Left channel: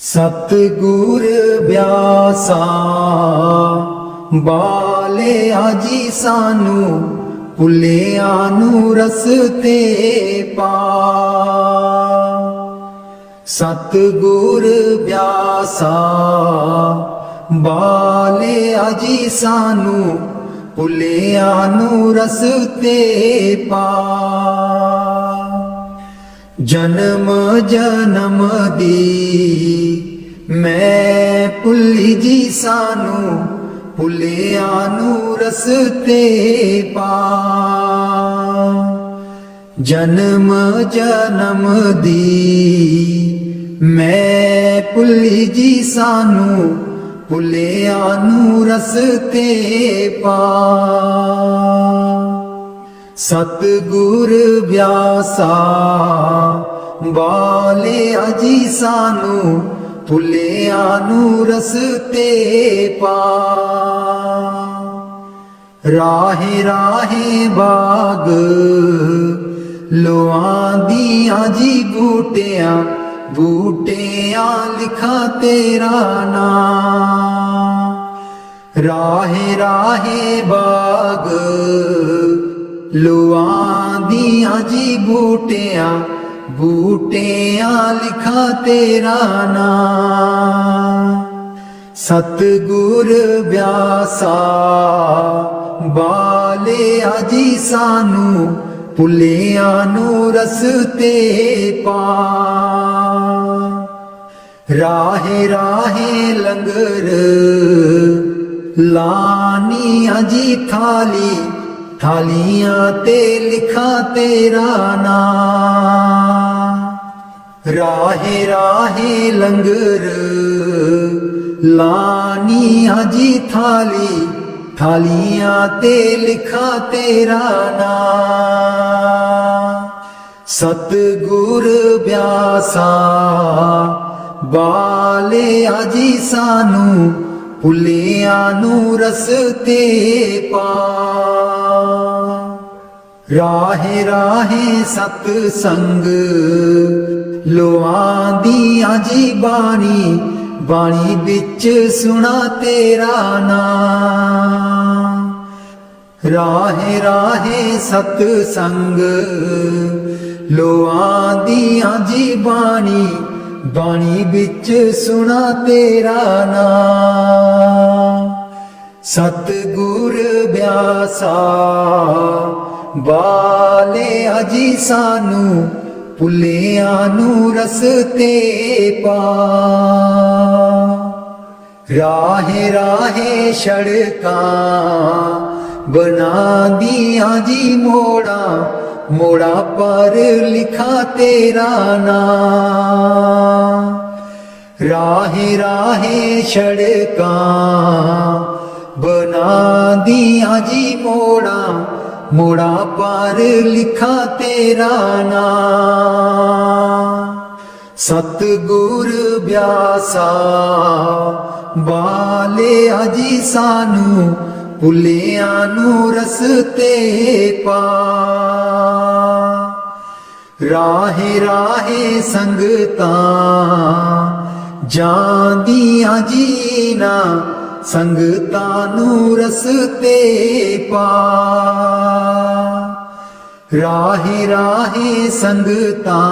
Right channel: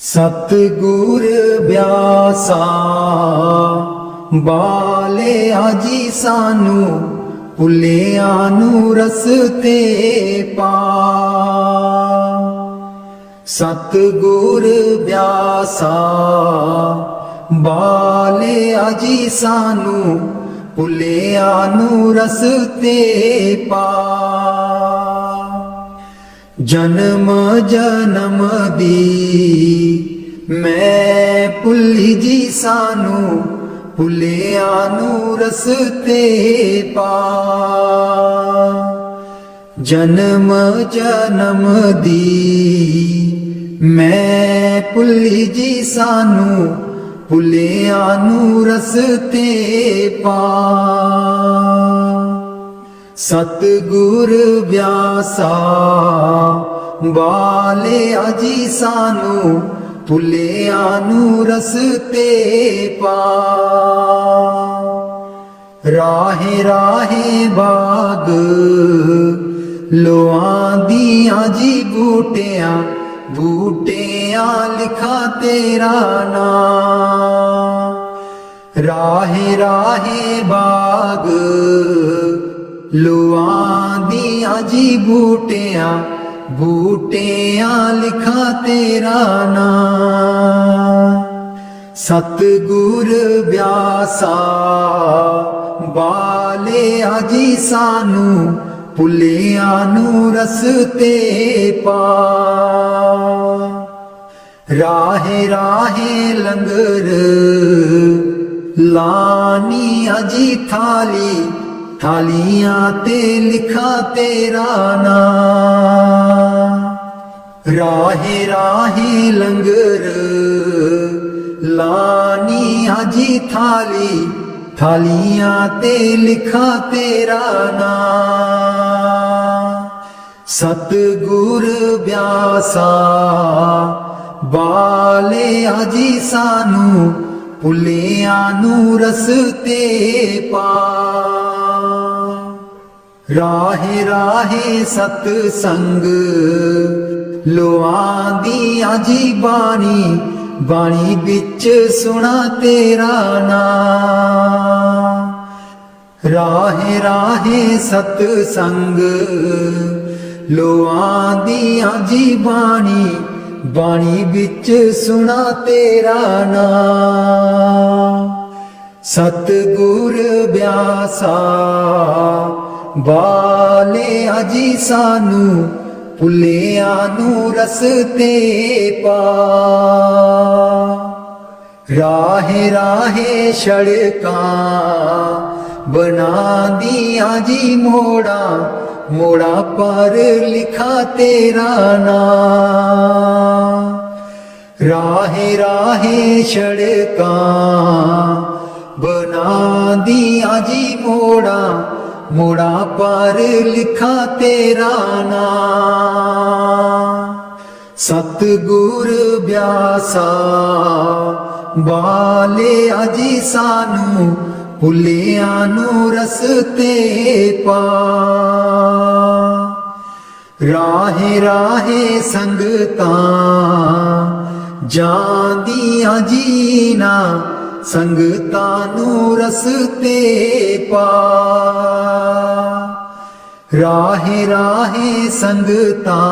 सतगुर ब्यासा बालिया जी सानू भुलिया नू रस्ते पा। सतगुर ब्यासा बालिया जी सानू भुलिया नू रस्ते पा। जन्म जन्म दी मैं भुली जी सानू भुलिया नू रस्ते पा। जन्म जन्म दी मैं भुली जी सानू भुलिया नू रस्ते पा। सतगुर ब्यासा बालिया जी सानू भुलिया नू रस्ते पा। राहे राहे बाग लोआंदियां जी बूटियां बूटियां लिखा तेरा नाम। राहे राहे बाग लुआंदियां जी बूटियां बूटियां लिखा तेरा नाम। सतगुर ब्यासा बालिया जी सानू भुलिया नू रस्ते पा। राहे राहे लंगर लानिया जी थाली थालियां ते लिखा तेरा नाम। राहे राहे लंगर लानिया जी थाली थालियां ते लिखा तेरा नाम। सतगुर ब्यासा बालिया जी सानू भुलिया नू रस्ते पा। राहे राहे सतसंग लोआंदियां जी बाणी बाणी बिच सुना तेरा नाम। राहे राहे सतसंग लोआंदियां जी बाणी बाणी बिच सुना तेरा नाम। सतगुर ब्यासा बालिया जी सानू भुलिया नू रस्ते पा। राहे राहे सड़कां बनांदियां जी मोड़ा मोड़ा पर लिखा तेरा नाम। राहे राहे सड़कां बनांदियां जी मोड़ा मोड़ा पर लिखा तेरा नाम। सतगुर ब्यासा बालिया जी सानू भुलिया नू रस्ते पा। राहे राहे संगतां जांदियां जी ना संगतां नू रस्ते पा। राहे राहे संगतां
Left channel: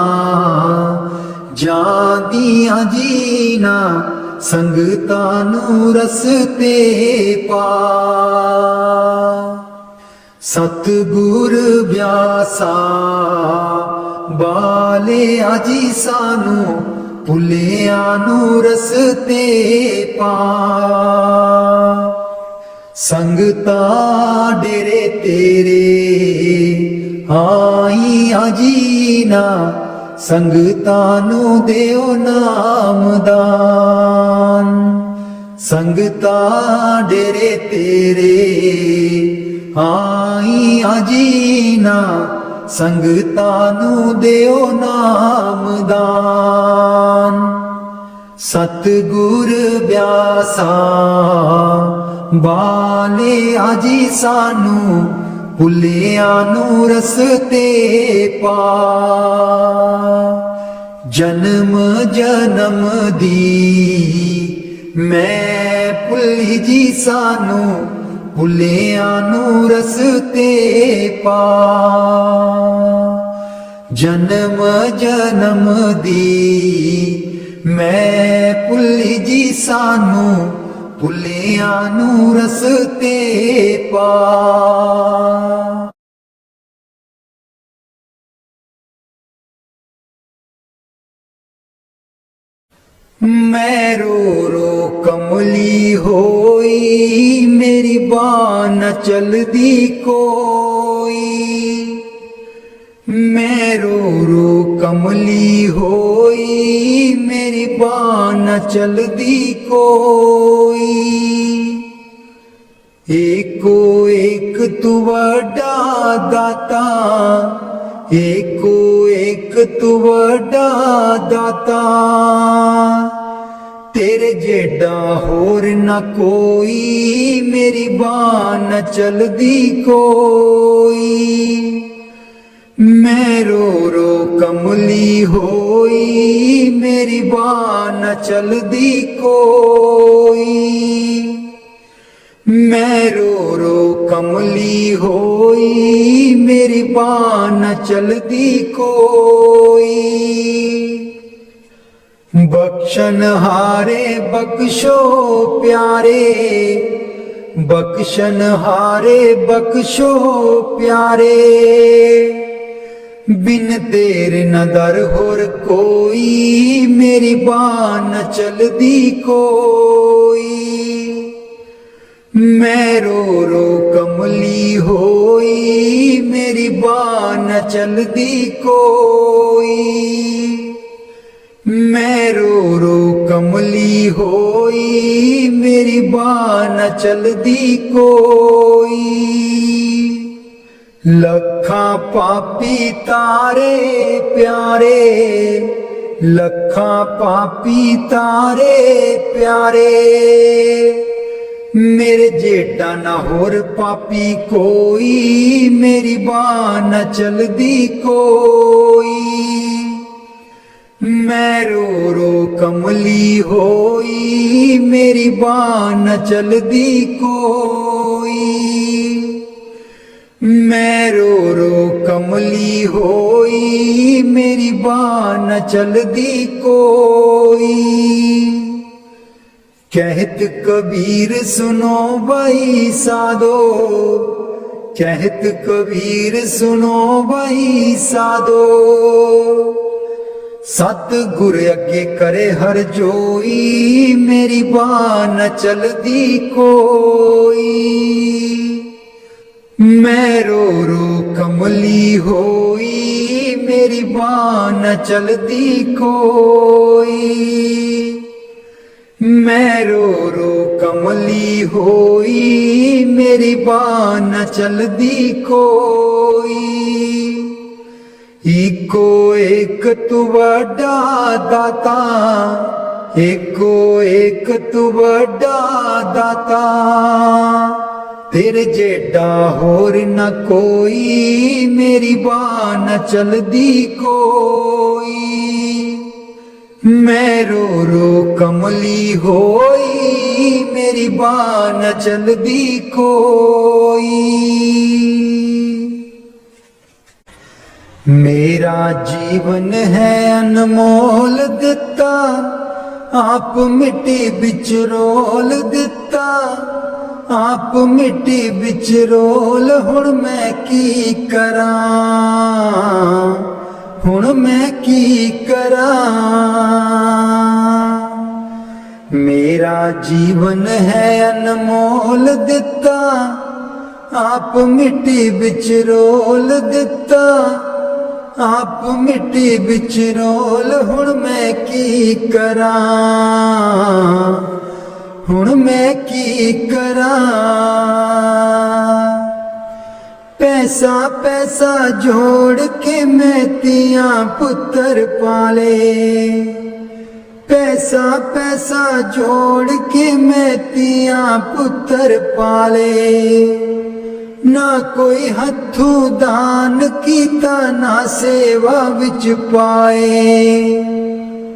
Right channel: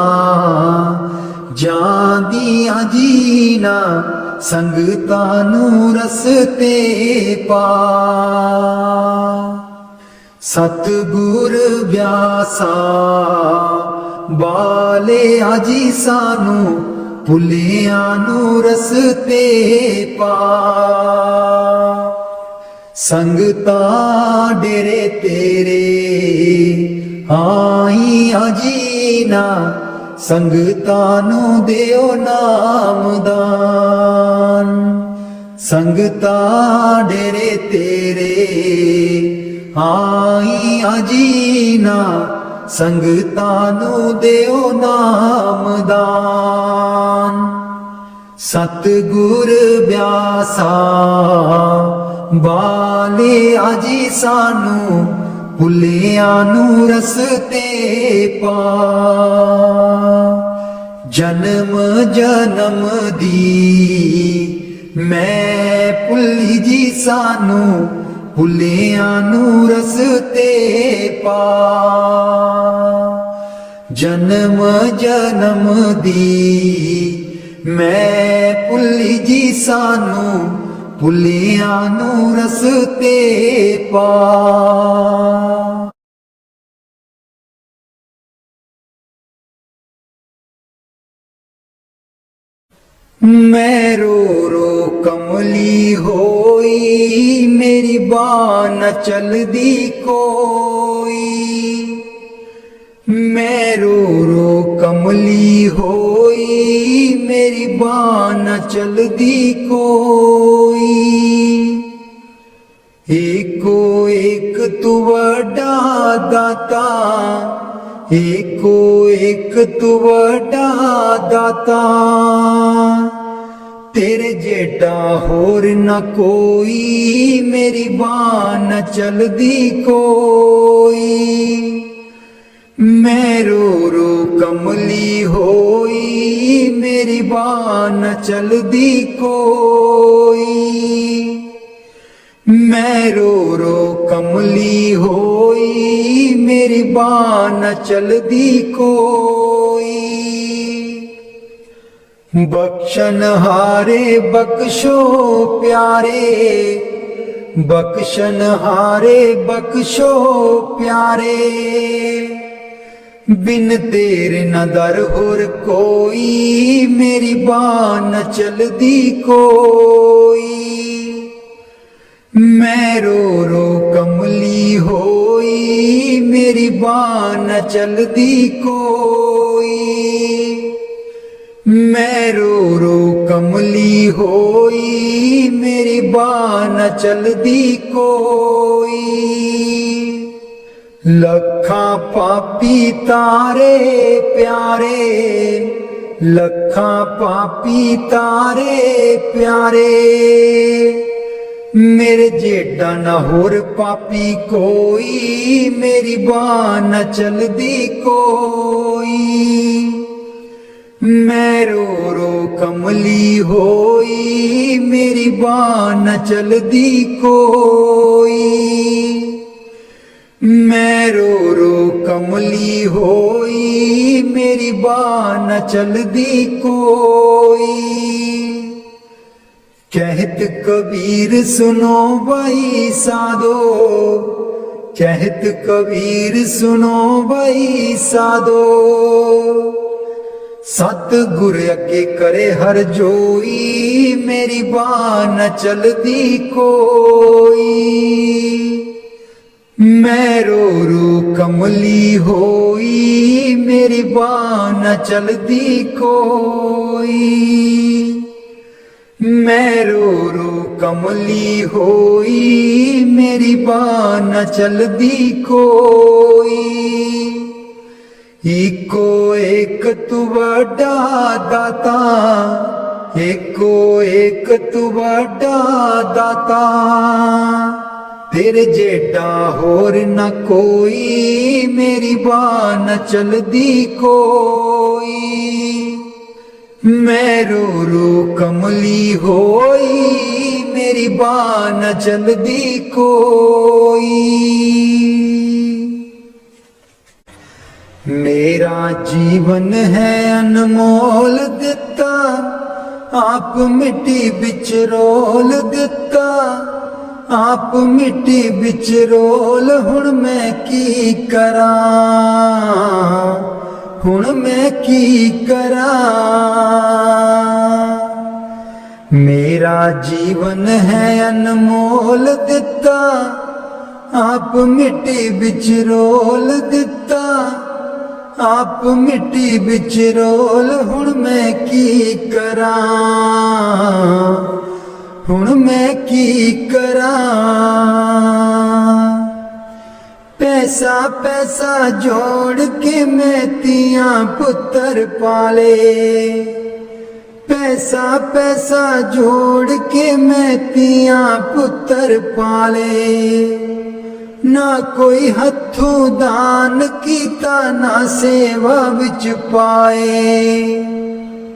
जांदियां जी ना संगतां नू रस्ते पा। सतगुर ब्यासा बालिया जी सानू भुलिया नू रस्ते पा। संगतां डेरे तेरे आईयां जी ना संगतां नू देओ नामदान। संगतां डेरे तेरे आईयां जी ना संगतां नू देओ नामदान। सतगुर ब्यासा बालिया जी सानू भुलिया नू रस्ते पा। जन्म जन्म दी मैं भुल्ली जी सानू भुलियां नू रस्ते पा जन्म जन्म दी मैं भुल्ली जी सानू भुलियां नू रस्ते पा। मैं रो रो कमली होई मेरी बाँ न चलदी कोई मैं रो रो कमली होई मेरी बाँ न चलदी कोई एको एक तू वड्डा दाता एको एक तू वड्डा दाता तेरे जेडा होर न कोई मेरी बाँ न चलदी कोई मैं रो रो कमली होई मेरी बाँ न चलदी कोई मैं रो रो कमली होई मेरी बाँ न चलदी कोई बख्शन हारे बख्शो प्यारे बख्शन हारे बख्शो प्यारे बिन तेरे न दर होर कोई मेरी बाँ न चलदी कोई मैं रो रो कमली होई मेरी बाँ न चलदी कोई मैं रो रो कमली होई मेरी बाँ न चलदी कोई लखा पापी तारे प्यारे लखा पापी तारे प्यारे मेरे जेडा न होर पापी कोई मेरी बाँ न चलदी कोई मैं रो रो कमली होई मेरी बाँ न चलदी कोई मैं रो रो कमली होई मेरी बाँ न चलदी कोई कहत कबीर सुनो भाई साधो कहत कबीर सुनो भाई साधो सतगुर अगे करे हर जोई मेरी बाँ न चलदी कोई मैं रो रो कमली होई मेरी बाँ न चलदी कोई मैं रो रो कमली होई मेरी बाँ न चलदी कोई एको एक तू वड्डा दाता एको एक तू वड्डा दाता तेरे जेडा होर न कोई मेरी बाँ न चलदी कोई मैं रो रो कमली होई मेरी बाँ न चलदी कोई मेरा जीवन है अनमोल दिता आप मिट्टी बिच रोल दिता आप मिट्टी बिच रोल हुण मैं की करा हुण मैं की करा मेरा जीवन है अनमोल दिता आप मिट्टी बिच रोल दिता आप मिट्टी बिच रोल हुण मैं की करा हुण मैं की करा पैसा पैसा जोड़ के मैं तियां पुत्र पाले पैसा पैसा जोड़ के मैं तियां पुत्र पाले ना कोई हथों दान कीता ना सेवा विच पाए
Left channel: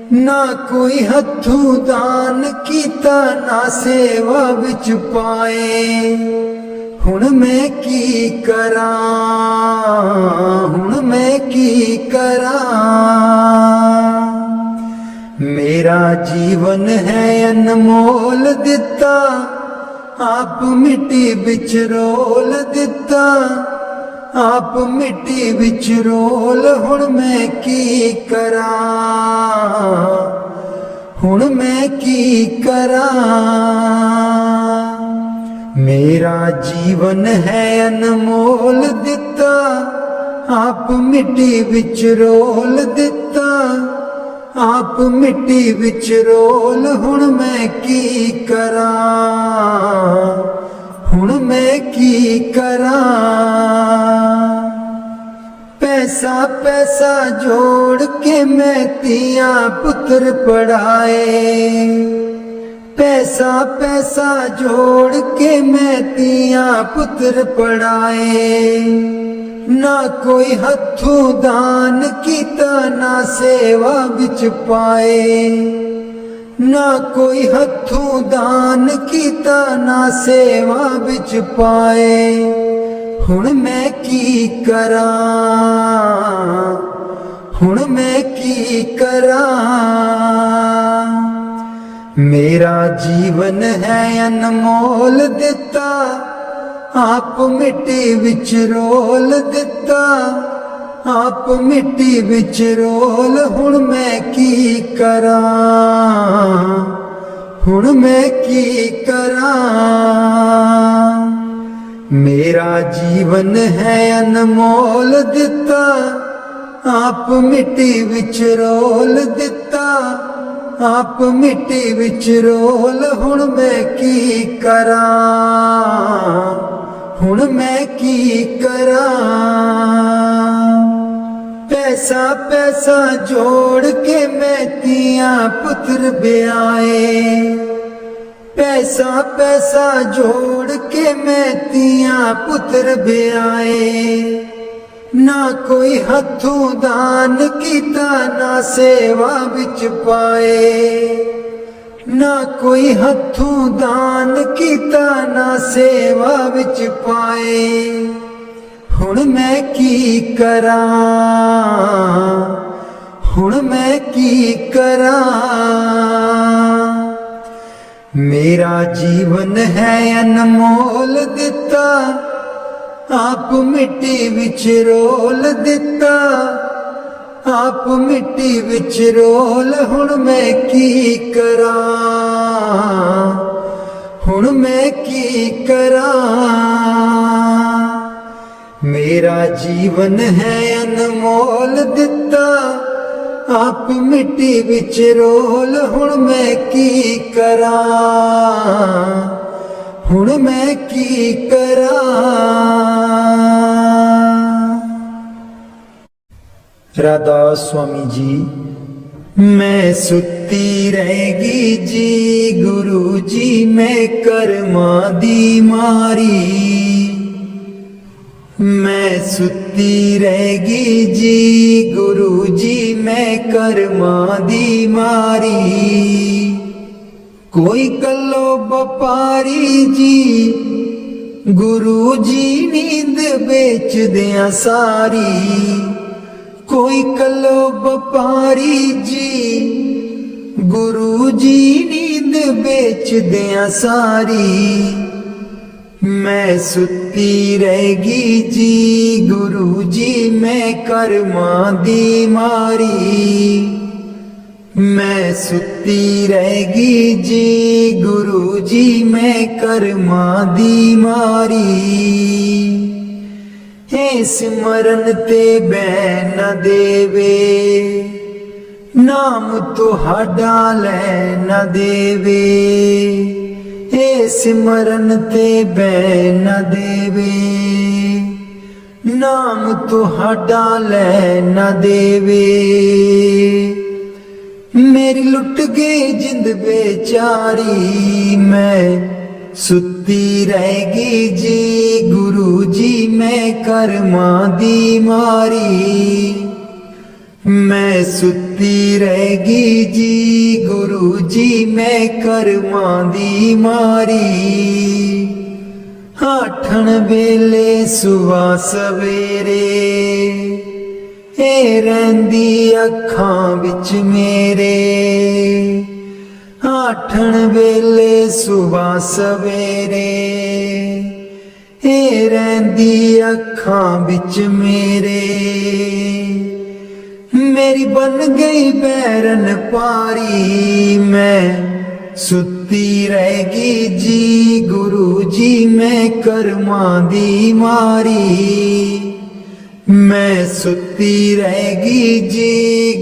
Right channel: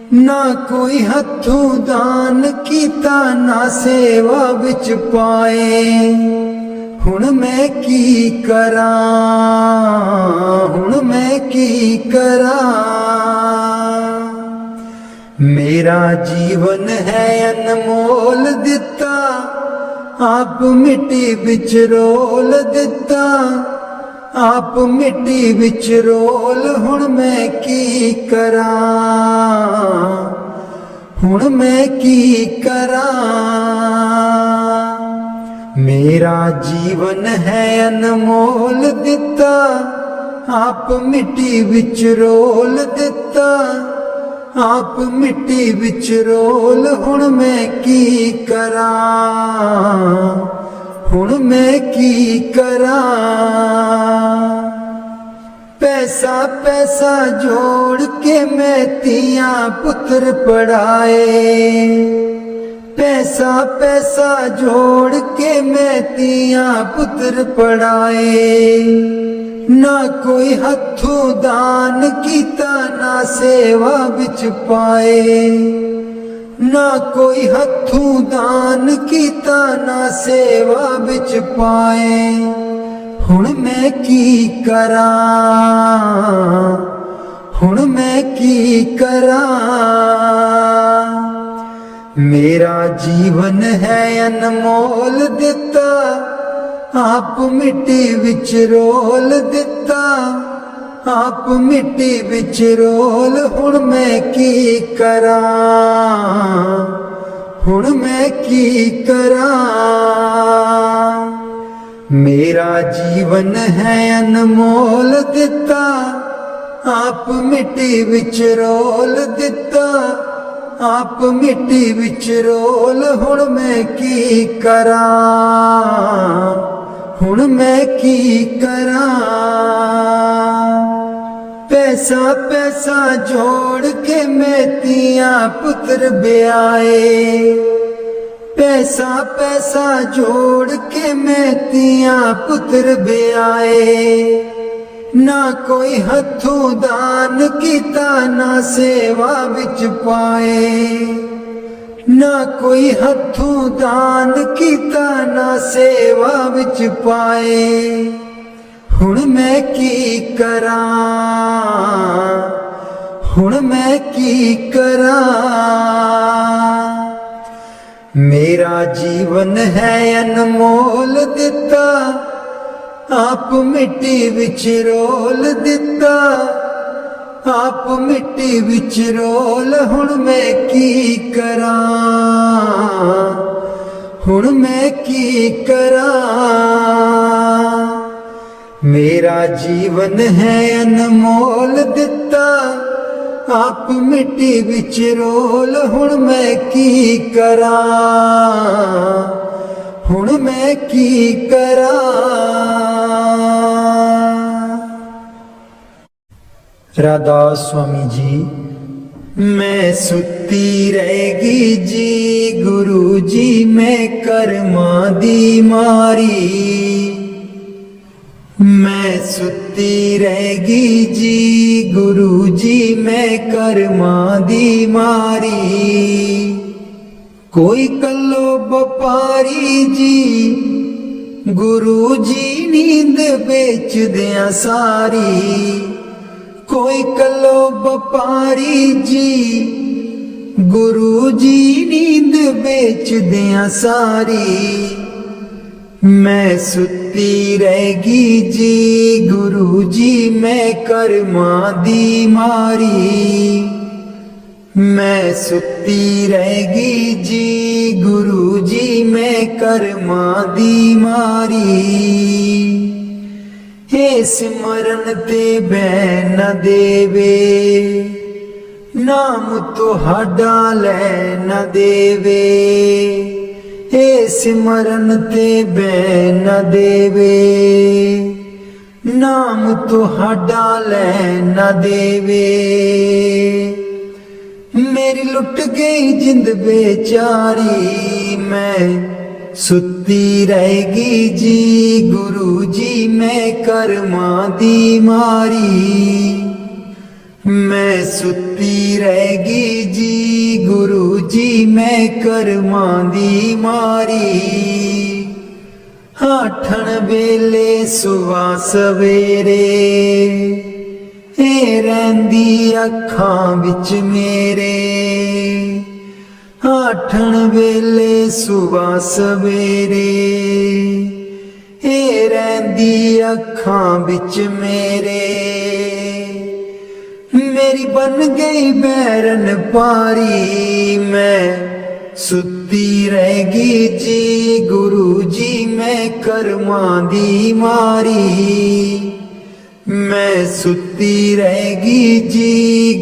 ना कोई हथों दान कीता ना सेवा विच पाए। हुण मैं की करां, हुण मैं की करां। मेरा जीवन है अनमोल दिता, आप मिट्टी विच रोल दिता, आप मिट्टी विच रोल। हुण मैं की करां, हुण मैं की करां। मेरा जीवन है अनमोल दिता, आप मिट्टी विच रोल दिता, आप मिट्टी विच रोल। हुण मैं की करां, हुण मैं की करां। पैसा पैसा जोड़ के मैं तियां पुत्र पढ़ाए, पैसा पैसा जोड़ के मैं तियां पुत्र पढ़ाए। ना कोई हथों दान कीता ना सेवा विच पाए, ना कोई हथों दान कीता ना सेवा विच पाए। हुण मैं की करां, हुण मैं की करां। मेरा जीवन है अनमोल दिता, आप मिट्टी विच रोल दिता, आप मिट्टी विच रोल। हुण मैं की करां, हुण मैं की करां। मेरा जीवन है अनमोल दिता, आप मिट्टी विच रोल दिता, आप मिट्टी विच रोल। हुण मैं की करां, हुण मैं की करां। पैसा पैसा जोड़ के मैं तियां पुत्र ब्याए, पैसा पैसा जोड़ के मैं तियां पुत्र ब्याए। ना कोई हथों दान कीता ना सेवा विच पाए, ना कोई हथों दान कीता ना सेवा विच पाए। हुण मैं की करां, हुण मैं की करां। मेरा जीवन है अनमोल दिता, आप मिट्टी विच रोल दिता, आप मिट्टी विच रोल। हुण मैं की करां, हुण मैं की करां। मेरा जीवन है अनमोल दिता, आप मिट्टी विच रोल। हुण मैं की करां, हुण मैं की करां। राधास स्वामी जी। मैं सुती रहेगी जी गुरु जी, मैं कर्मा दी मारी। मैं सुती रहेगी जी गुरु जी, मैं कर्मा दी मारी। कोई कल्लो व्यापारी जी गुरु जी नींद बेच दिया सारी। कोई कल्लो व्यापारी जी गुरु जी नींद बेच दिया सारी। मैं सुती रहेगी जी गुरु जी, मैं कर्मा दी मारी। मैं सुती रहेगी जी गुरु जी, मैं कर्मा दी मारी। हे सिमरन ते बह न देवे, नाम तुहाडा लै न देवे। हे सिमरन ते बह न देवे, नाम तुहाडा लै न देवे। मेरी लुट गई जिंद बेचारी, मैं सुती रहेगी जी गुरु जी, मैं कर्मा दी मारी। मैं सुती रहेगी जी गुरु जी मैं करमां दी मारी आठण वेले सुबह सवेरे ए रहिंदी अखां विच मेरे आठण वेले सुबह सवेरे ए रहिंदी अखां विच मेरे मेरी बन गई बैरन पारी मैं सुती रहेगी जी गुरु जी मैं करमां दी मारी मैं सुती रहेगी जी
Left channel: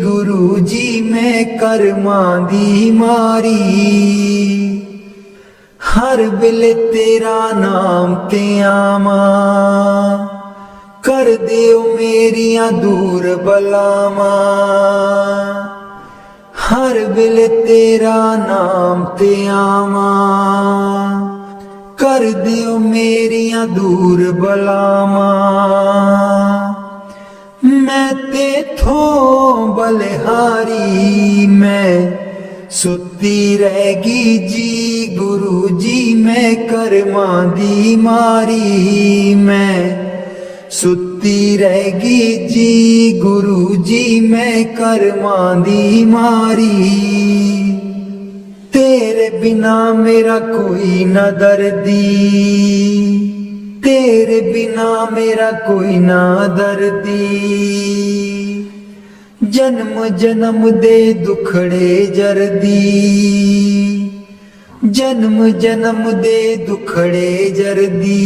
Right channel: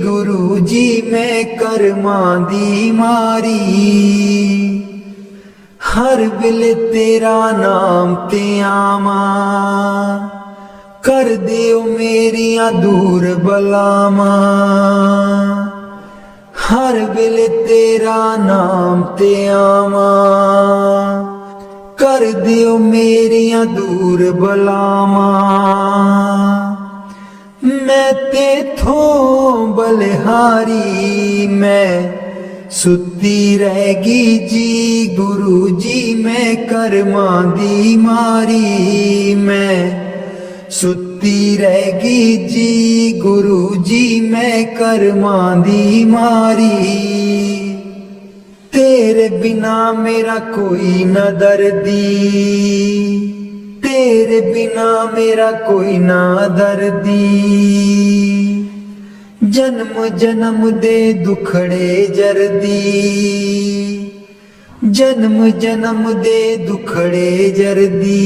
गुरु जी मैं करमां दी मारी हर वेले तेरा नाम ते आवां कर दियो मेरियां दूर बलावां हर वेले तेरा नाम ते आवां कर दियो मेरियां दूर बलावां मैं तेथों बलिहारी मैं सुती रहेगी जी गुरु जी मैं करमां दी मारी मैं सुती रहेगी जी गुरु जी मैं करमां दी मारी तेरे बिना मेरा कोई न दर्दी तेरे बिना मेरा कोई ना दर्दी जन्म जन्म दे दुखड़े जरदी जन्म जन्म दे दुखड़े जरदी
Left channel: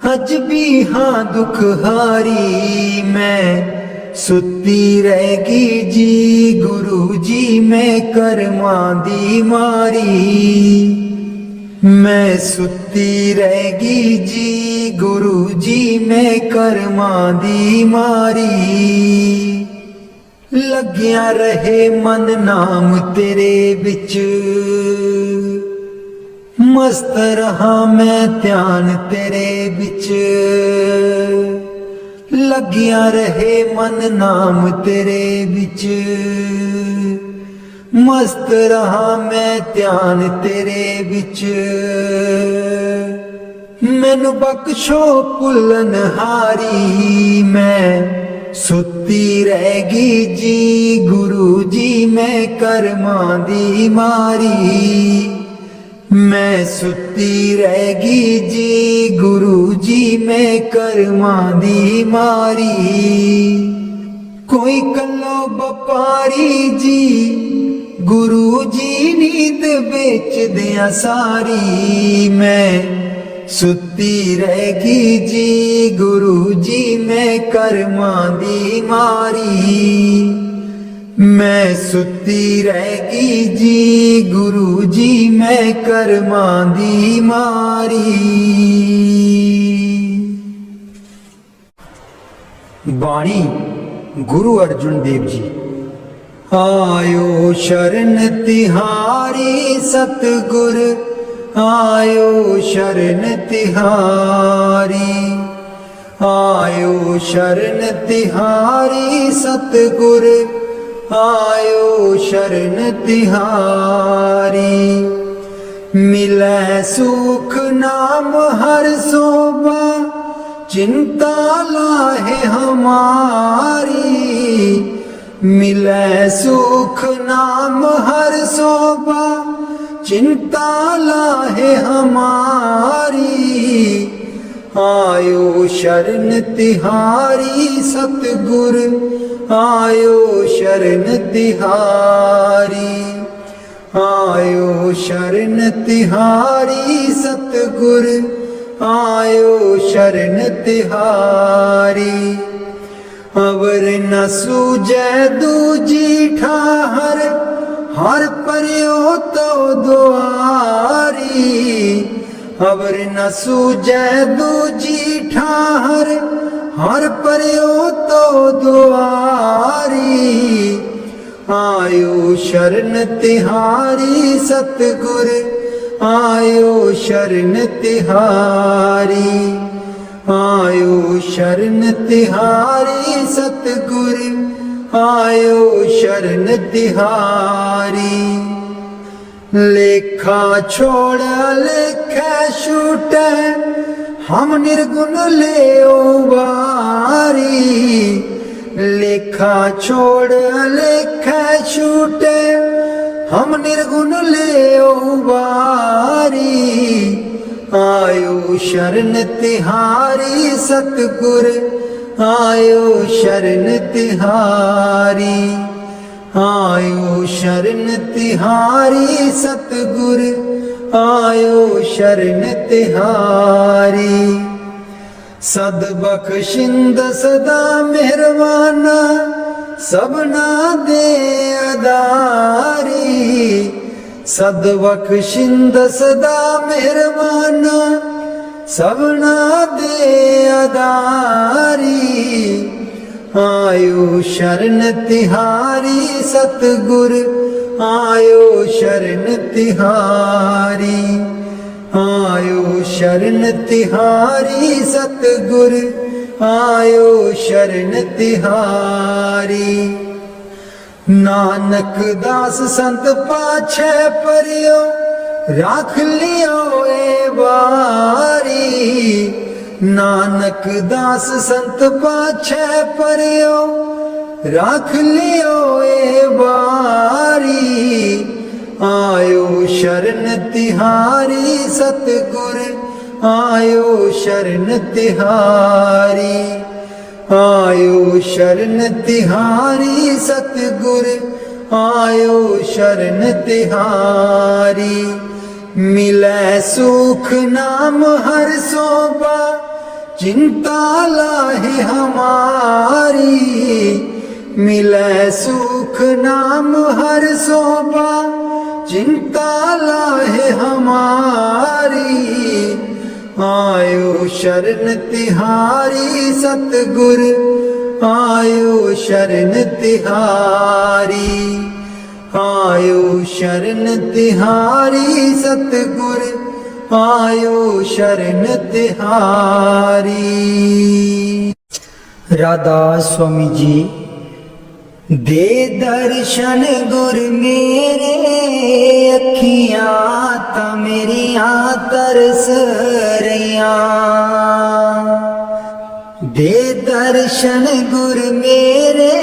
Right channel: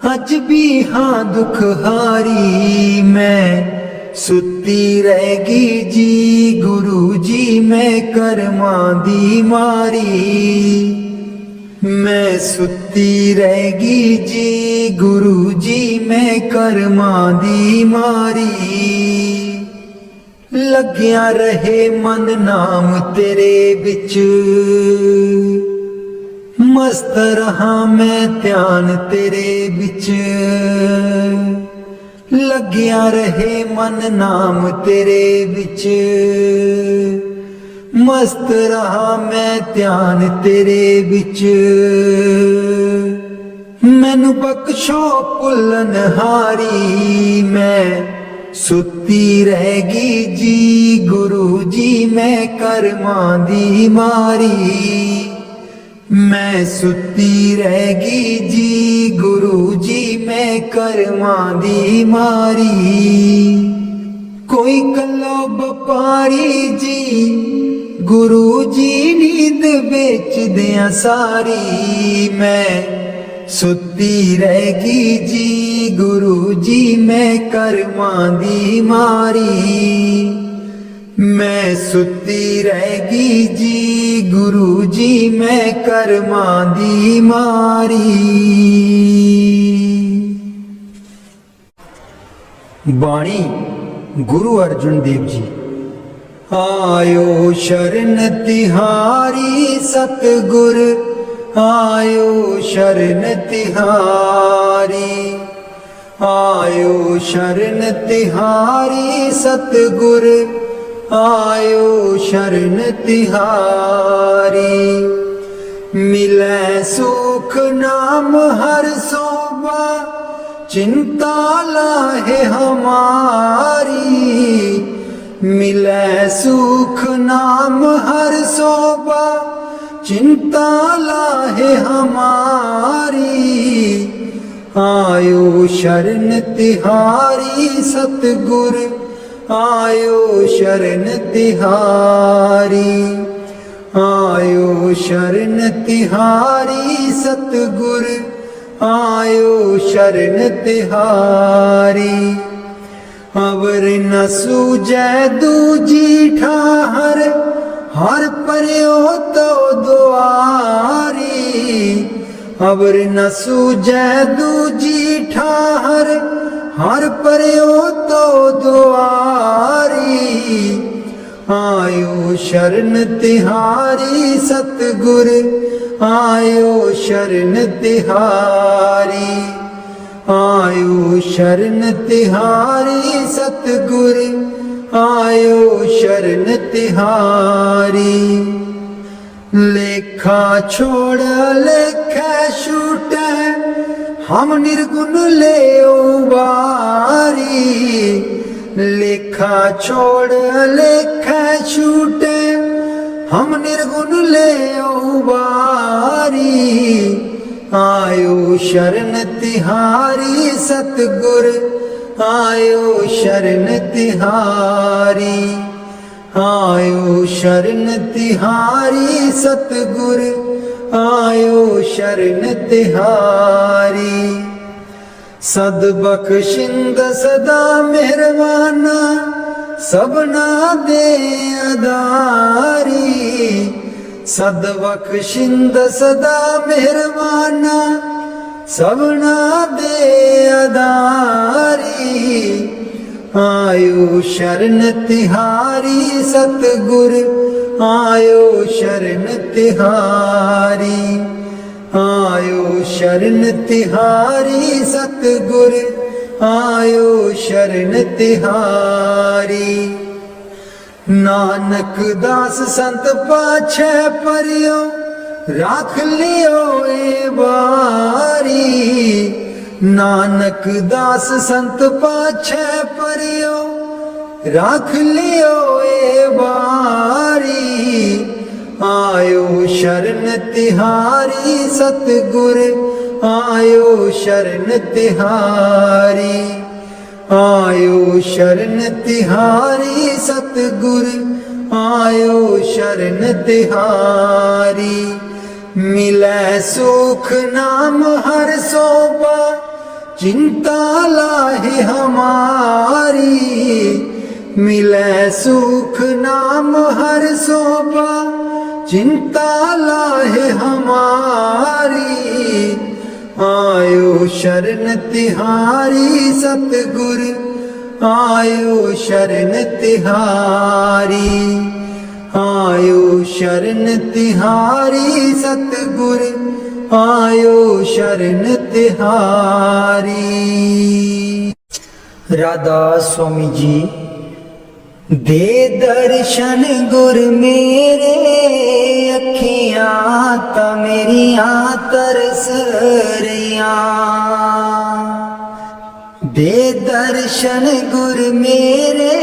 अज भी हाँ दुख हारी मैं सुती रहेगी जी गुरु जी मैं करमां दी मारी मैं सुती रहेगी जी गुरु जी मैं करमां दी मारी लग्या रहे मन नाम तेरे बिच मस्त रहा मैं ध्यान तेरे बिच लग्या रहे मन नाम तेरे बिच मस्त रहा मैं ध्यान तेरे बिच मैनू बख्शो भुल्लन हारी मैं सुती रहेगी जी गुरु जी मैं करमां दी मारी मैं सुती रहेगी जी गुरु जी मैं करमां दी मारी कोई कल्लो बपारी जी गुरु जी नींद बेच दिया सारी मैं सुती रहेगी जी गुरु जी मैं करमां दी मारी मैं सुती रहेगी जी गुरु जी मैं करमां दी मारी बाणी गुरु अर्जुन देव जी आयो शरण तिहारी सतगुर आयो शरण तिहारी आयो शरण तिहारी सतगुर आयो शरण तिहारी मिलै सुख नाम हर सोबा चिंता लाहे हमारी मिलै सुख नाम हर सोबा चिंता लाहे हमारी आयो शरण तिहारी सतगुर आयो शरण तिहारी आयो शरण तिहारी सतगुर आयो शरण तिहारी अवर न सूझै दूजी ठाहर हर पर्यो तो दुआरी अवर न सूझै दूजी ठाहर हर पर्यो तो दुआरी आयो शरण तिहारी सतगुर आयो शरण तिहारी आयो शरण तिहारी सतगुर आयो शरण तिहारी। लेखा छोड़ लेखे छूटे हम निर्गुण ले बारी। लेखा छोड़ लेखे छूटे हम निर्गुण ले बारी। आयो शरण तिहारी सतगुर आयो शरण तिहारी। आयो शरण तिहारी सतगुर आयो शरण तिहारी। सद बख्शिंद सदा मेहरबाना सबना दे अदारी। सद बख्शिंद सदा मेहरबाना सबना दे अदारी। आयो शरण तिहारी सतगुर आयो शरण तिहारी। आयो शरण तिहारी सतगुर आयो शरण तिहारी। नानक दास संत पाछे परियो राख लियो ए बारी। नानक दास संत पाछे परियो राख लियो ए बारी। आयो शरण तिहारी सतगुर आयो शरण तिहारी। आयो शरण तिहारी सतगुर आयो शरण तिहारी। मिले सुख नाम हर सोबा चिंता लाहे हमारी। मिले सुख नाम हर सोबा चिंता लाहे हमारी। आयो शरण तिहारी सतगुर आयो शरण तिहारी। आयो शरण तिहारी सतगुर आयो शरण तिहारी। राधा स्वामी जी दे दर्शन गुर मेरे अखियां ता मेरियां तरस रहियां। दे दर्शन गुर मेरे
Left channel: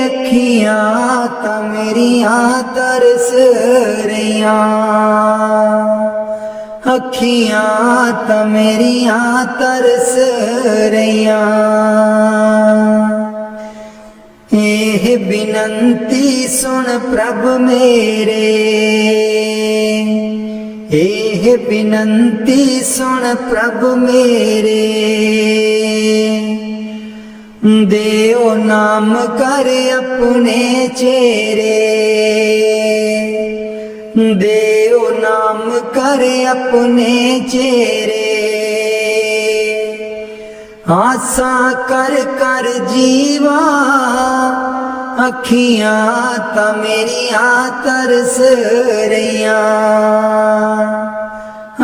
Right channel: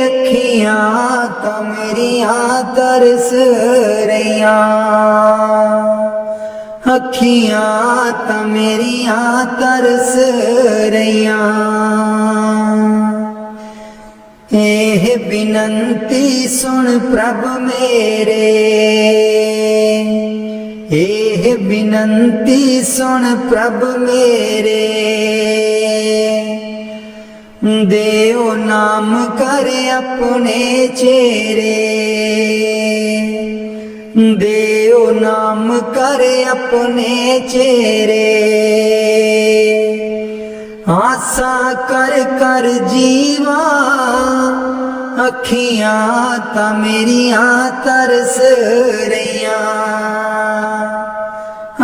अखियां ता मेरियां तरस रहियां। अखियां ता मेरियां तरस रहियां। एह बिनंती सुन प्रभ मेरे। एह बिनंती सुन प्रभ मेरे। देओ नाम कर अपने चेरे। देओ नाम कर अपने चेरे। आसा कर कर जीवा अखियां ता मेरियां तरस रहियां।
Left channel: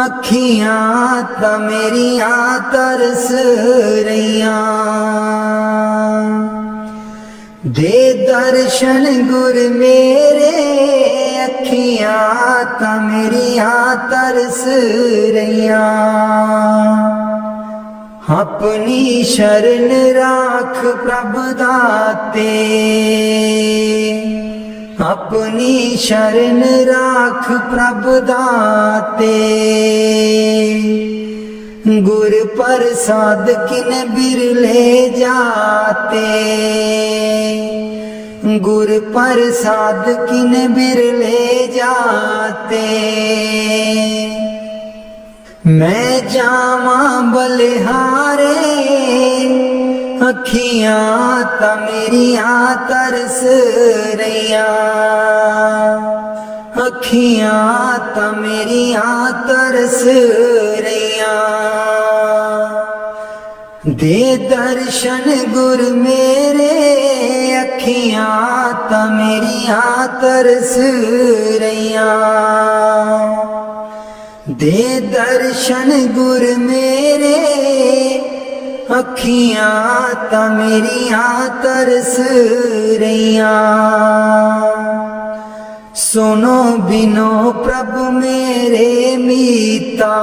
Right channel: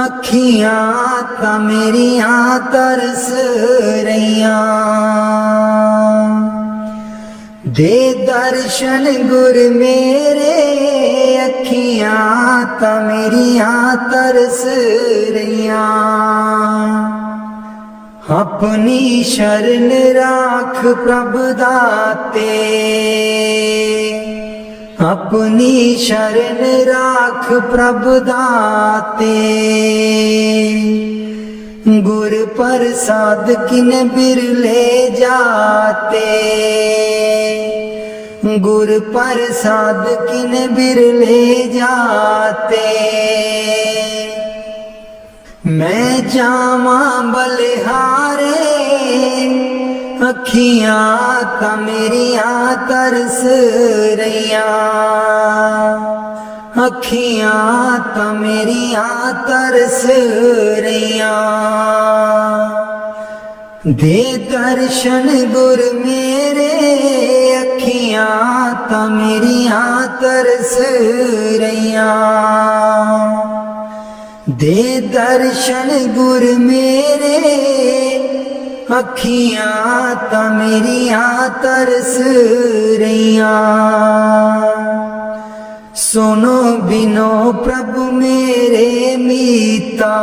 अखियां ता मेरियां तरस रहियां। दे दर्शन गुर मेरे अखियां ता मेरियां तरस रहियां। अपनी शरण राख प्रभ दाते। अपनी शरण राख प्रभ दाते। गुर प्रसाद किन बिरले जाते। गुर प्रसाद किन बिरले जाते। मैं जावा बलिहारे अखियां ता मेरियां तरस रहियां। अखियां ता मेरियां तरस रहियां। दे दर्शन गुर मेरे अखियां ता मेरियां तरस रहियां। दे दर्शन गुर मेरे अखियां ता मेरिया तरस रहिया। सुनो बिनो प्रभु मेरे मीता,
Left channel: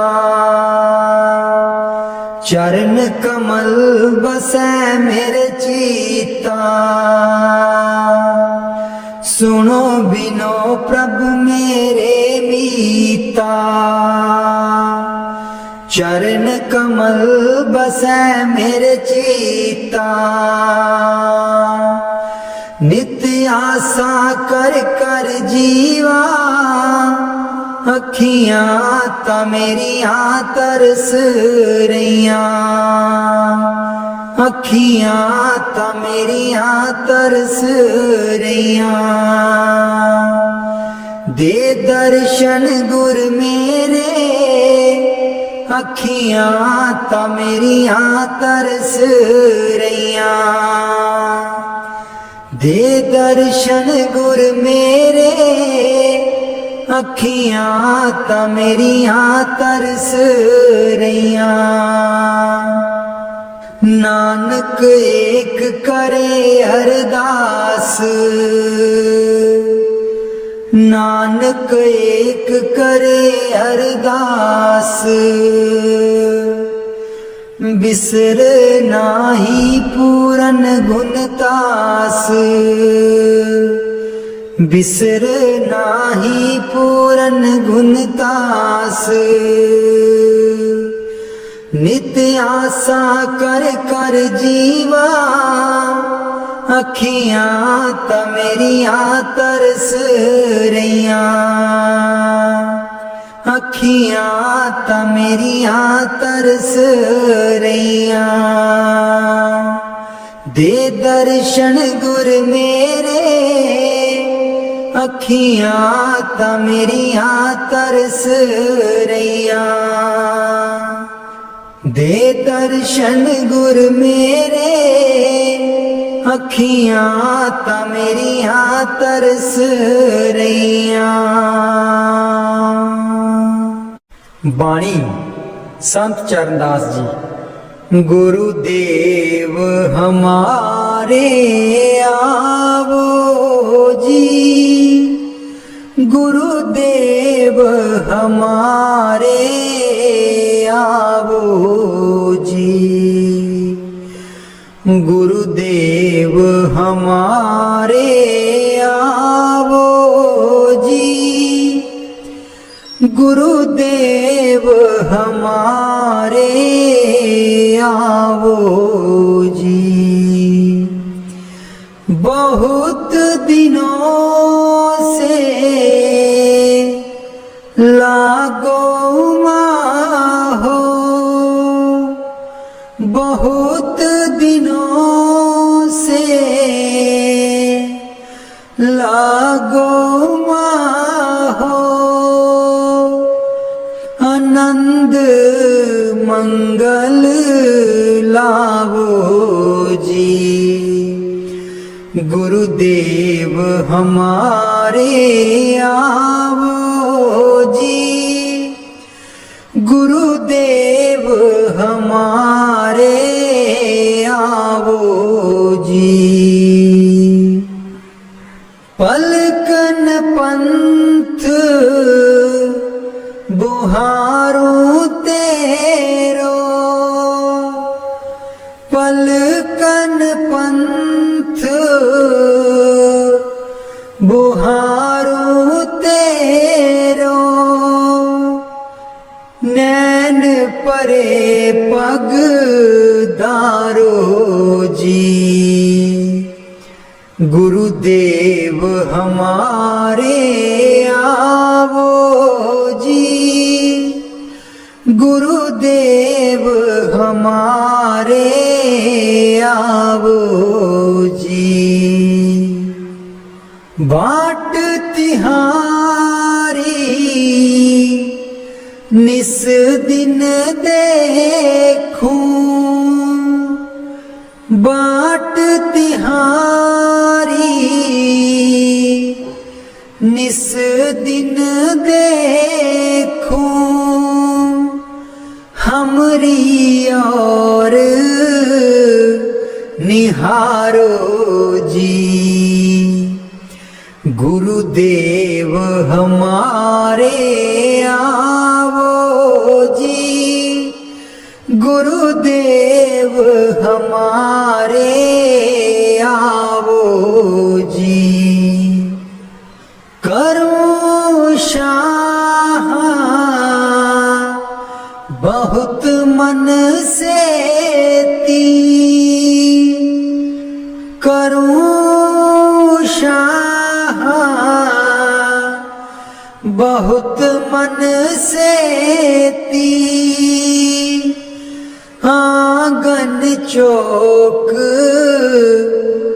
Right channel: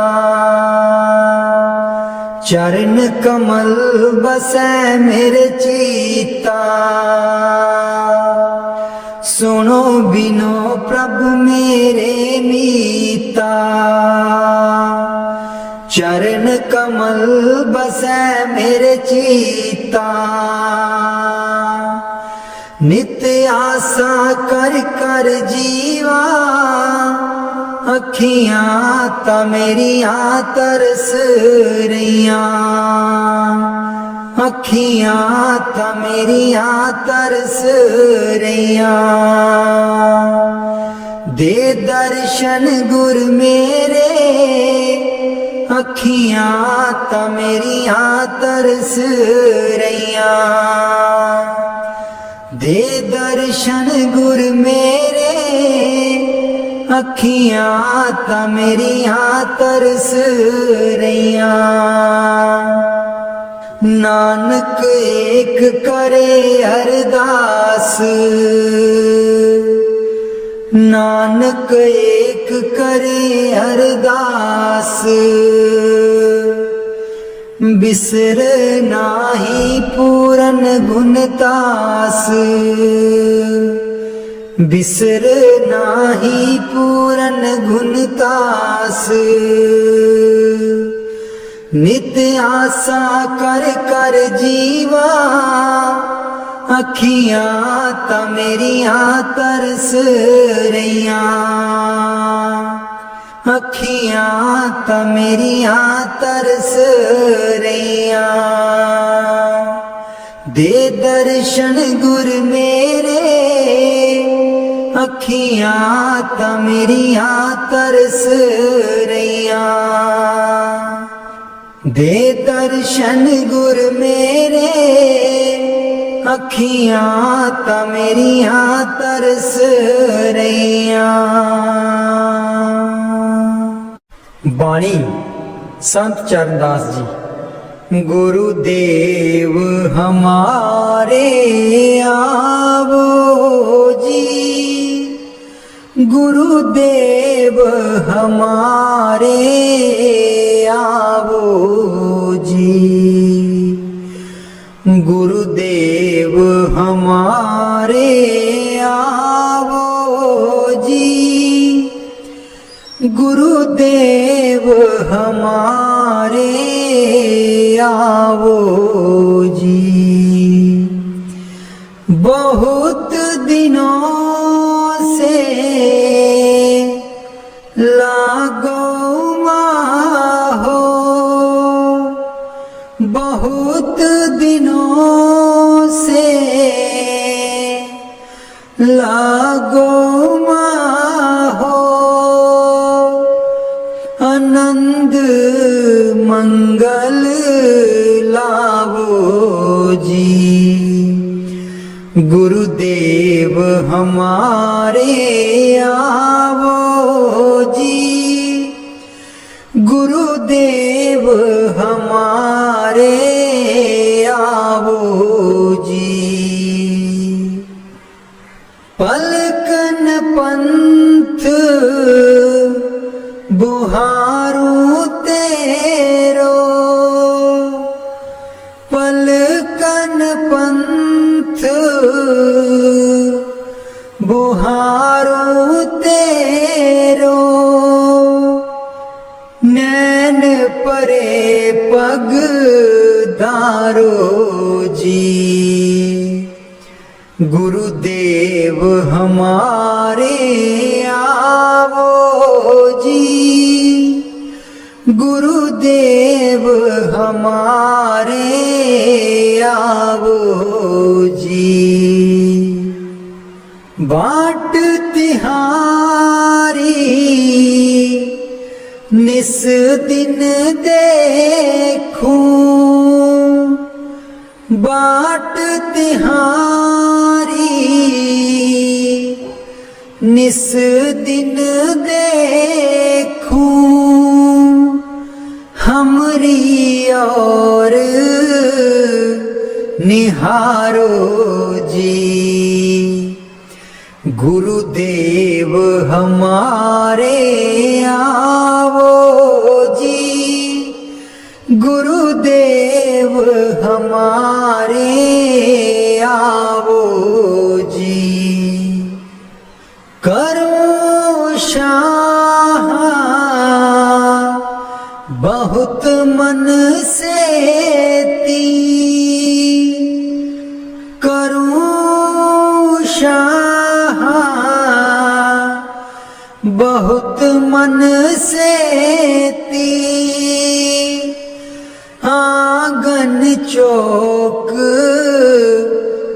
चरण कमल बसै मेरे चीता। सुनो बिनो प्रभु मेरे मीता, चरण कमल बसै मेरे चीता। नित्य आशा कर कर जीवा, अखियां ता मेरिया तरस रहिया। अखियां ता मेरिया तरस रहिया। दे दर्शन गुर मेरे, अखियां ता मेरिया तरस रहिया। दे दर्शन गुर मेरे, अखियां ता मेरिया तरस रहिया। नानक एक करे अरदास, नानक एक करे अरदास। बिसर नाही पूरन गुणतास, बिसर नाही पूरन गुणतास। नित्य आशा कर कर जीवा, अखियां ता मेरिया तरस रहिया। अखियां ता मेरिया तरस रहिया। दे दर्शन गुर मेरे, अखियां ता मेरिया तरस रहिया। दे दर्शन गुर मेरे, अखियां ता मेरिया तरस रहिया। बाणी संत चरणदास जी। गुरुदेव हमारे आवो जी, गुरुदेव हमारे आवो जी। गुरुदेव हमारे आवो जी, गुरुदेव हमारे आवो जी। बहुत दिनों से लागो हो, बहुत दिनों से लागो हो। आनंद मंगल लावो जी। गुरुदेव हमारे आवो जी, गुरुदेव हमारे आवो जी। पलकन पंथ बुहारू तेरो, पलकन पंथ बुहारू तेरो। नैन परे पग दारो जी। गुरुदेव हमारे आवो जी, गुरुदेव हमारे आवो जी। बाट तिहारी निस दिन देखूं, बाट तिहारी निस दिन देखूं। हमरी और सिधारो जी। गुरुदेव हमारे आवो जी, गुरुदेव हमारे आवो जी। करो शाह बहुत मन से ती, करूं शाह बहुत मन से ती। आंगन चौक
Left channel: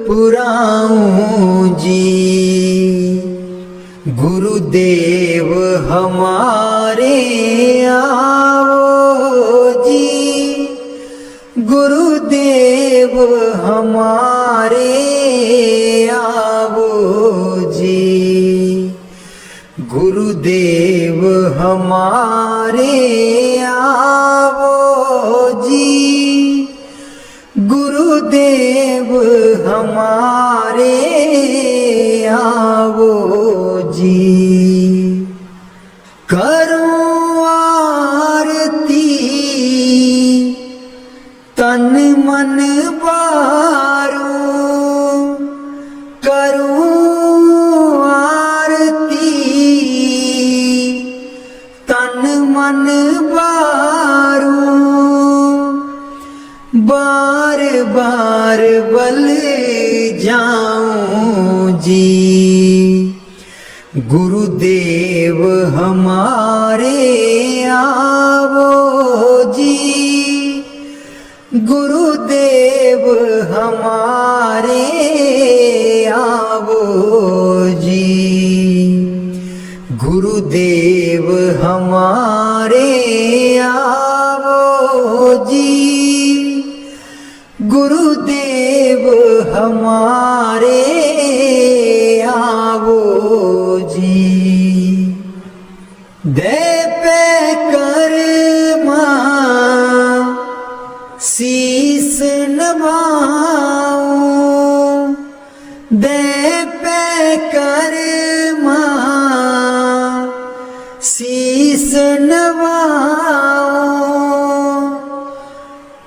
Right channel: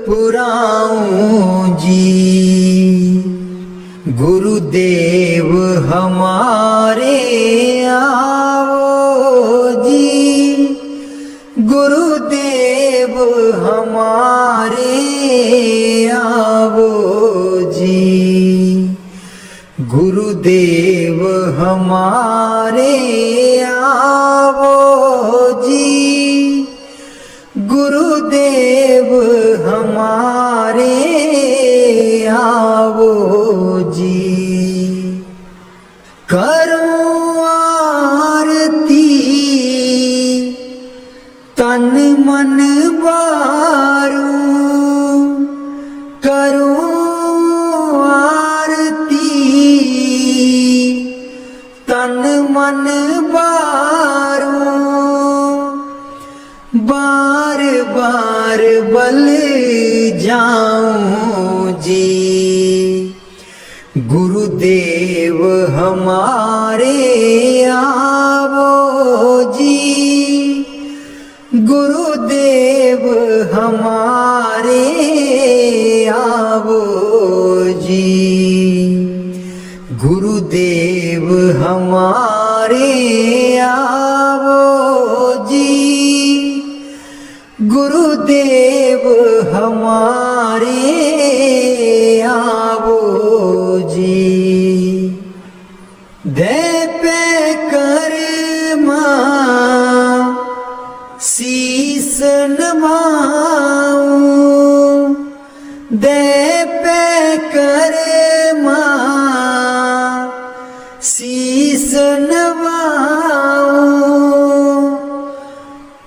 पुराऊं जी। गुरुदेव हमारे आओ जी, गुरुदेव हमारे आओ जी। गुरुदेव हमारे आओ जी, गुरुदेव हमारे आओ जी। करो आरती तन मन बारू, करो आरती तन मन बारू। बार बार बल जाऊं जी। गुरुदेव हमारे आवो जी, गुरुदेव हमारे आवो जी। गुरुदेव हमारे आवो जी, गुरुदेव हमारे आवो जी। दे पे कर्मा शीस नवाऊं, दे पे कर्मा शीस नवाऊं।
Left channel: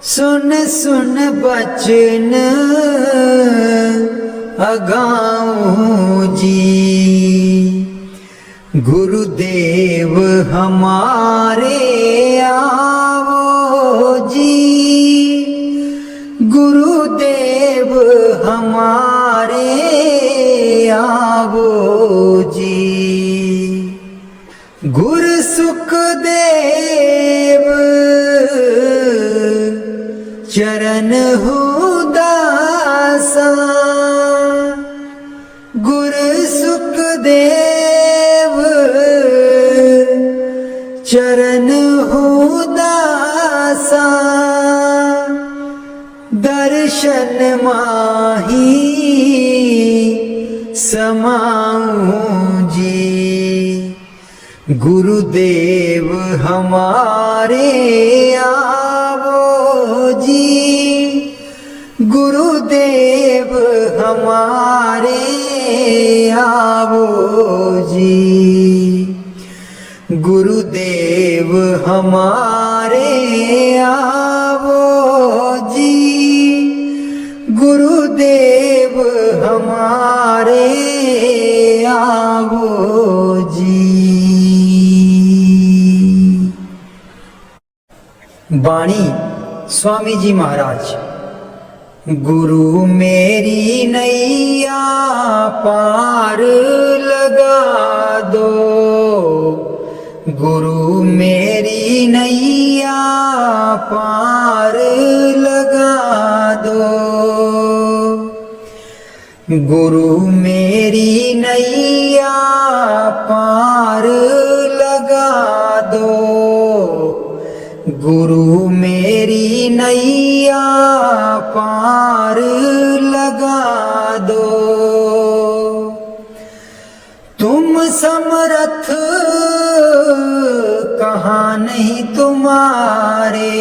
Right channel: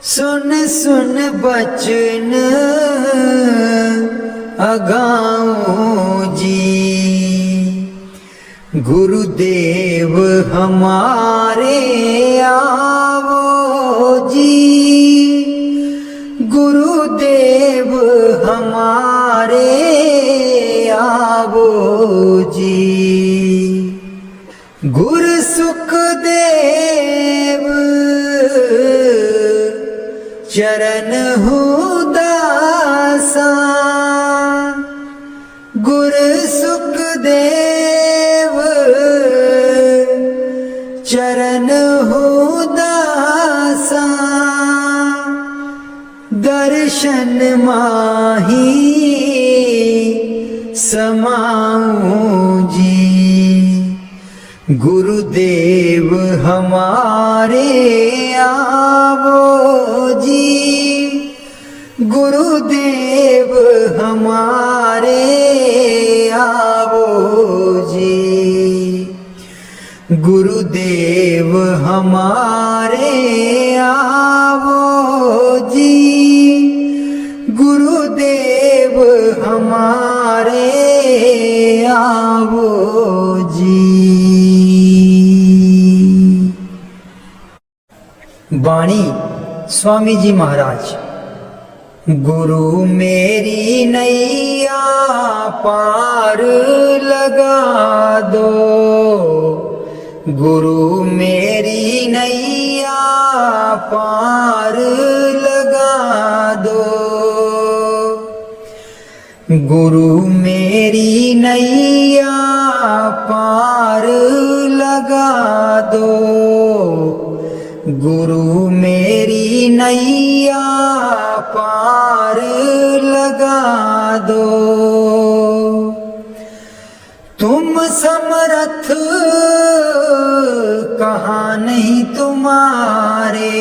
सुन सुन बचन अगाऊं जी। गुरुदेव हमारे आवो जी, गुरुदेव हमारे आवो जी। गुरु सुखदेव चरण दासा, गुरु सुखदेव चरण दासा। दर्शन माही समाऊं जी। गुरुदेव हमारे आवो जी, गुरुदेव हमारे आवो जी। गुरुदेव हमारे आवो जी, गुरुदेव हमारे आवो जी। बाणी स्वामी जी महाराज। गुरु मेरी नैया पार लगा दो, गुरु मेरी नैया पार लगा दो। गुरु मेरी नैया पार लगा दो, गुरु मेरी नैया पार लगा दो। तुम समर्थ कहाँ नहीं तुम्हारे,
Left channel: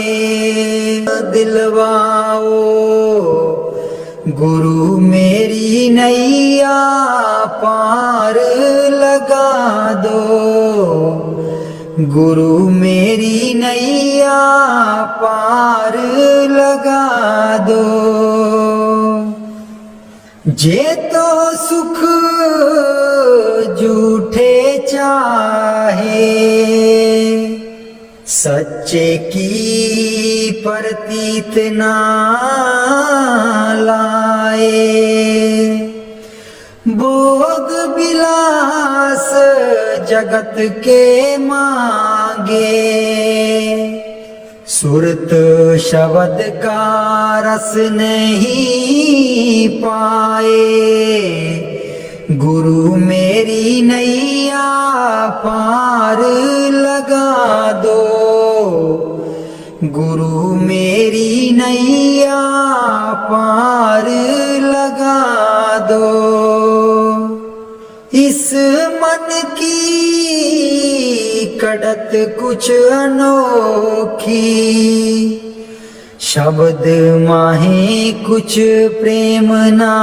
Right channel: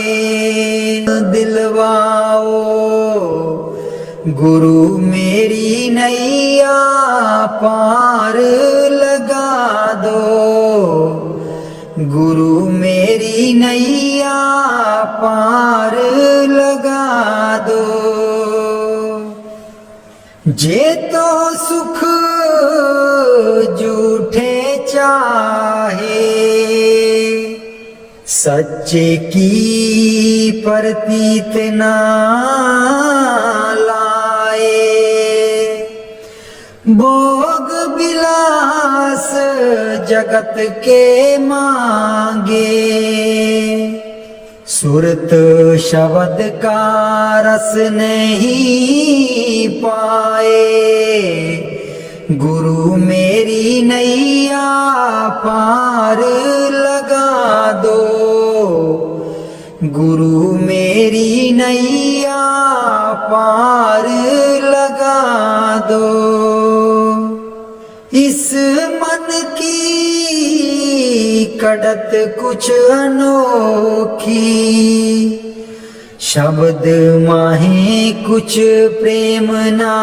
दिलवाओ गुरु मेरी नैया पार लगा दो, गुरु मेरी नैया पार लगा दो। जे तो सुख झूठे चाहे, सच्चे की प्रतीत ना लाए। भोग विलास जगत के मांगे, सुरत शब्द का रस नहीं पाए। गुरु मेरी नैया पार लगा दो, गुरु मेरी नैया पार लगा दो। इस मन की कड़त कुछ अनोखी, शब्द माहे कुछ प्रेम ना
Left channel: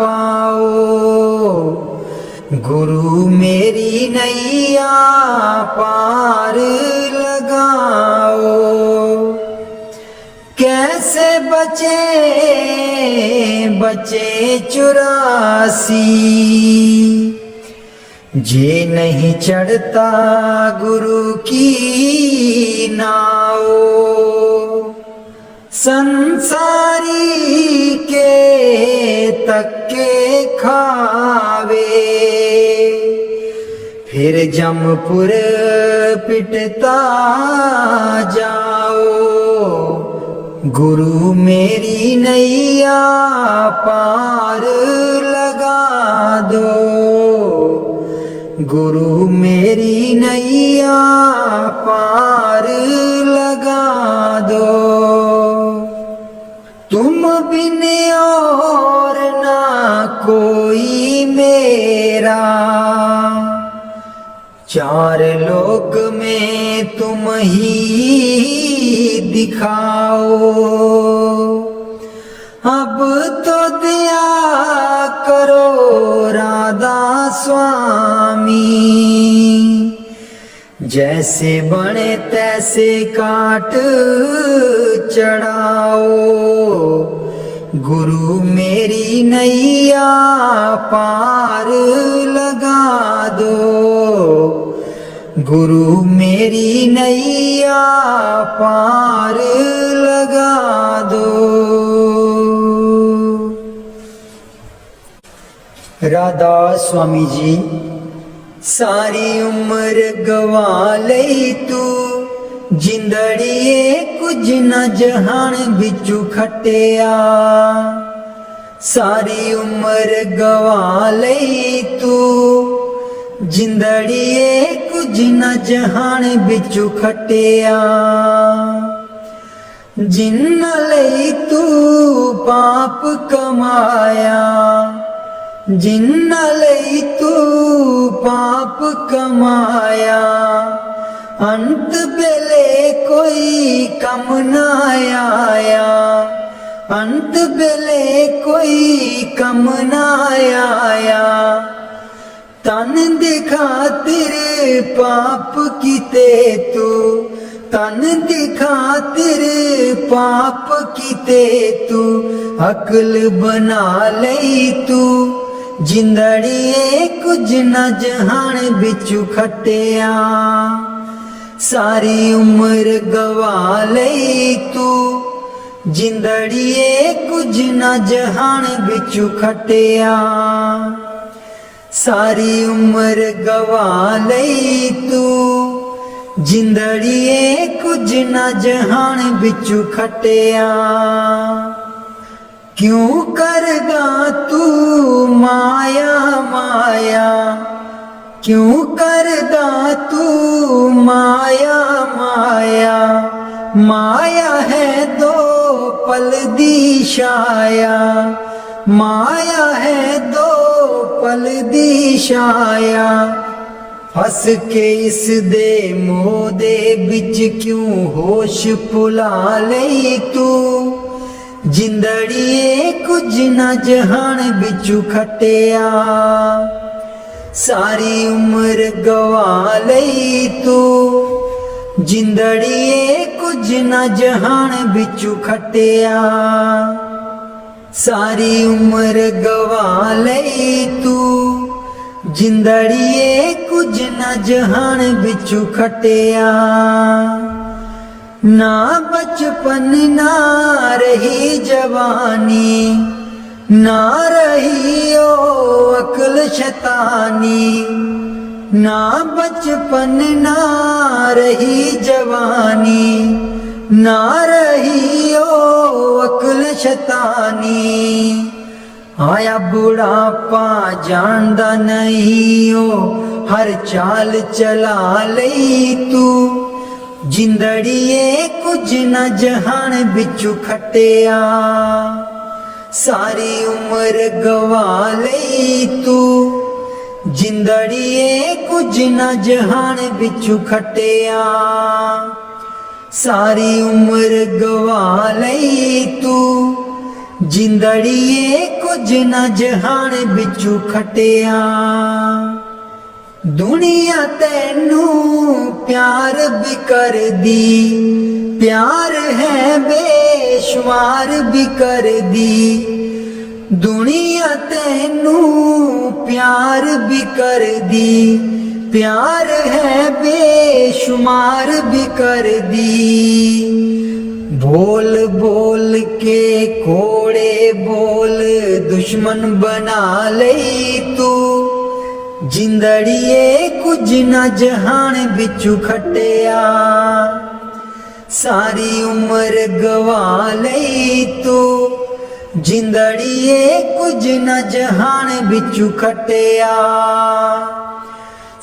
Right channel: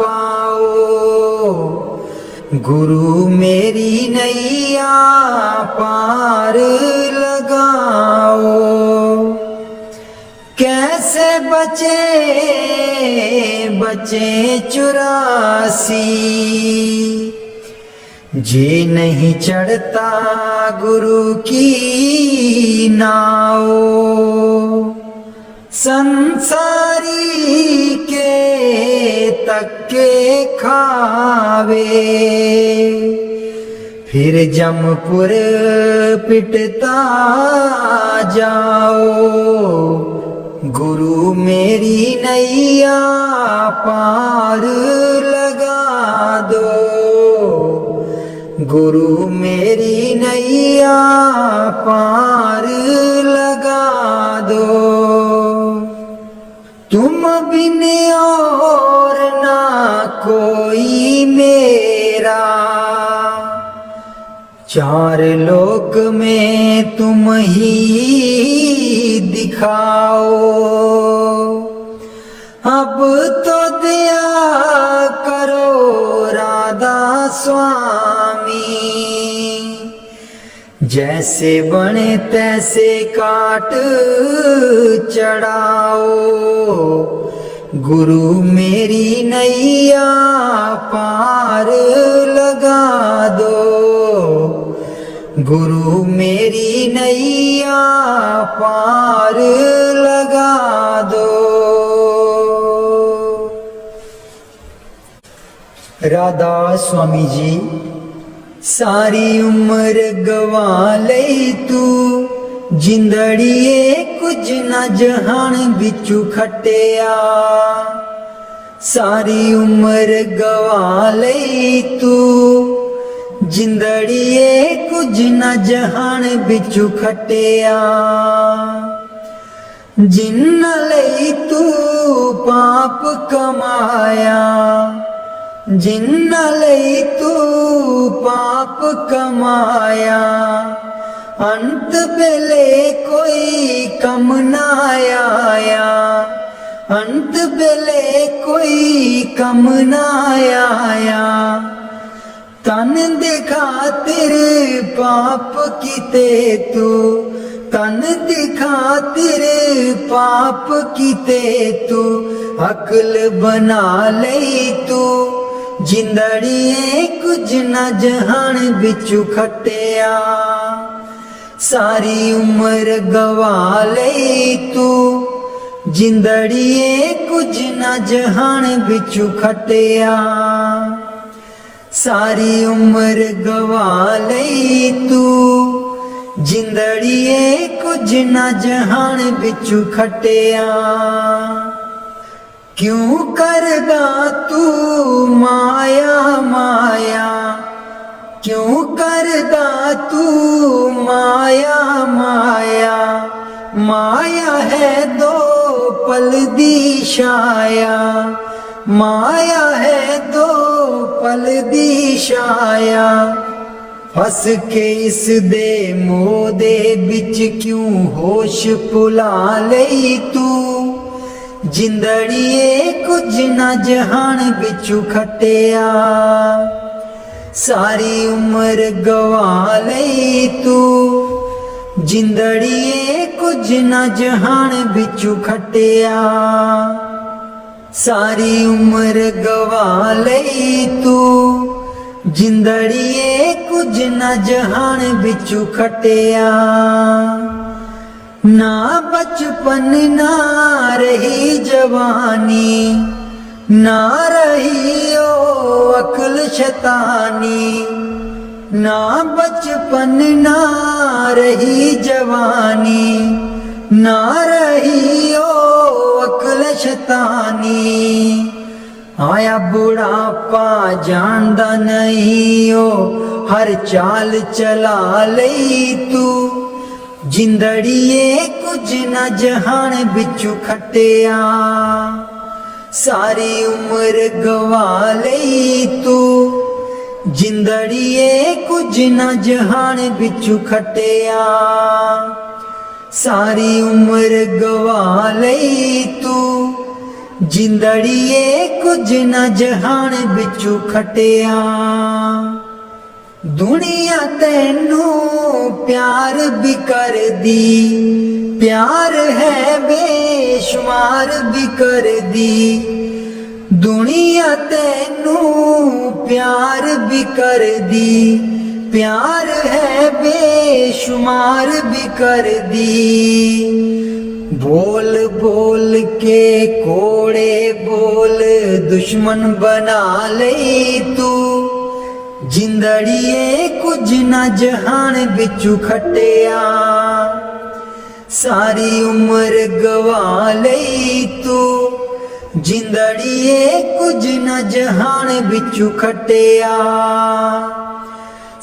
पाओ। गुरु मेरी नैया पार लगाओ। कैसे बचे बचे 84, जे नहीं चढ़ता गुरु की नाव। संसारी के तक्के खावे, फिर जमपुर पिटता जाओ। गुरु मेरी नैया पार लगा दो, गुरु मेरी नैया पार लगा दो। तुम बिन और ना कोई मेरा, चार लोक में तुम ही दिखाओ। अब तो दया करो राधा स्वामी, जैसे बने तैसे काट चढ़ाओ। गुरु मेरी नैया पार लगा दो, गुरु मेरी नैया पार लगा दो। राधा स्वामी जी सारी उम्र गवा ले तू, जिंदड़िए कुछ न जहान बिचू खटिया। सारी उम्र गवा ले तू, जिंदड़िए कुछ न जहान बिचू खटिया। जिन्ना लई तू पाप कमाया, जिन्ना लई तू पाप कमाया। अंत बेले कोई कम ना आया, अंत बेले कोई कम ना आया। तन दिखा तेरे पाप कीते तू, तन दिखा तेरे पाप कीते तू। अकल बना ले तू, जिंदड़िए कुछ न जहान बिचू खटिया। सारी उम्र गवा ले तू, जिंदड़िए कुछ न जहान बिचू खटिया। सारी उम्र गवा ले तू, जिंदड़िए कुछ न जहान बिचू खटिया। क्यों करदा तू माया माया, क्यों करदा तू माया माया। माया है दो पल दी छाया, माया है दो पल दी छाया। फस के इस दे मोह दे बिच क्यों होश भुला ले तू। जिंदड़िए कुछ न जहान बिचू खटिया सारी उम्र गवा लई तू जिंदड़िए कुछ न जहान बिचू खटिया सारी उम्र गवा लई तू जिंदड़िए कुछ न जहान बिचू खटिया ना बचपन ना रही जवानी ना रही ओ अक्ल शैतानी ना बचपन ना रही जवानी ना रही ओ अक्ल शैतानी आया बुढ़ापा जानदा नहीं ओ हर चाल चला लई तू जिंदड़िए कुछ न जहान बिचू खटिया सारी उम्र गवा लई तू जिंदड़िए कुछ न जहान बिचू खटिया सारी उम्र गवा लई तू जिंदड़िए कुछ न जहान बिचू खटिया दुनिया तेनू प्यार भी कर दी प्यार है बेशुमार भी कर दी दुनिया तेनू प्यार भी कर दी प्यार है बेशुमार भी कर दी बोल बोल के कोड़े बोल दुश्मन बना ले तू जिंदड़िए कुछ न जहान बिचू खटिया सारी उम्र गवा लई तू जिंदड़िए कुछ न जहान बिचू खटिया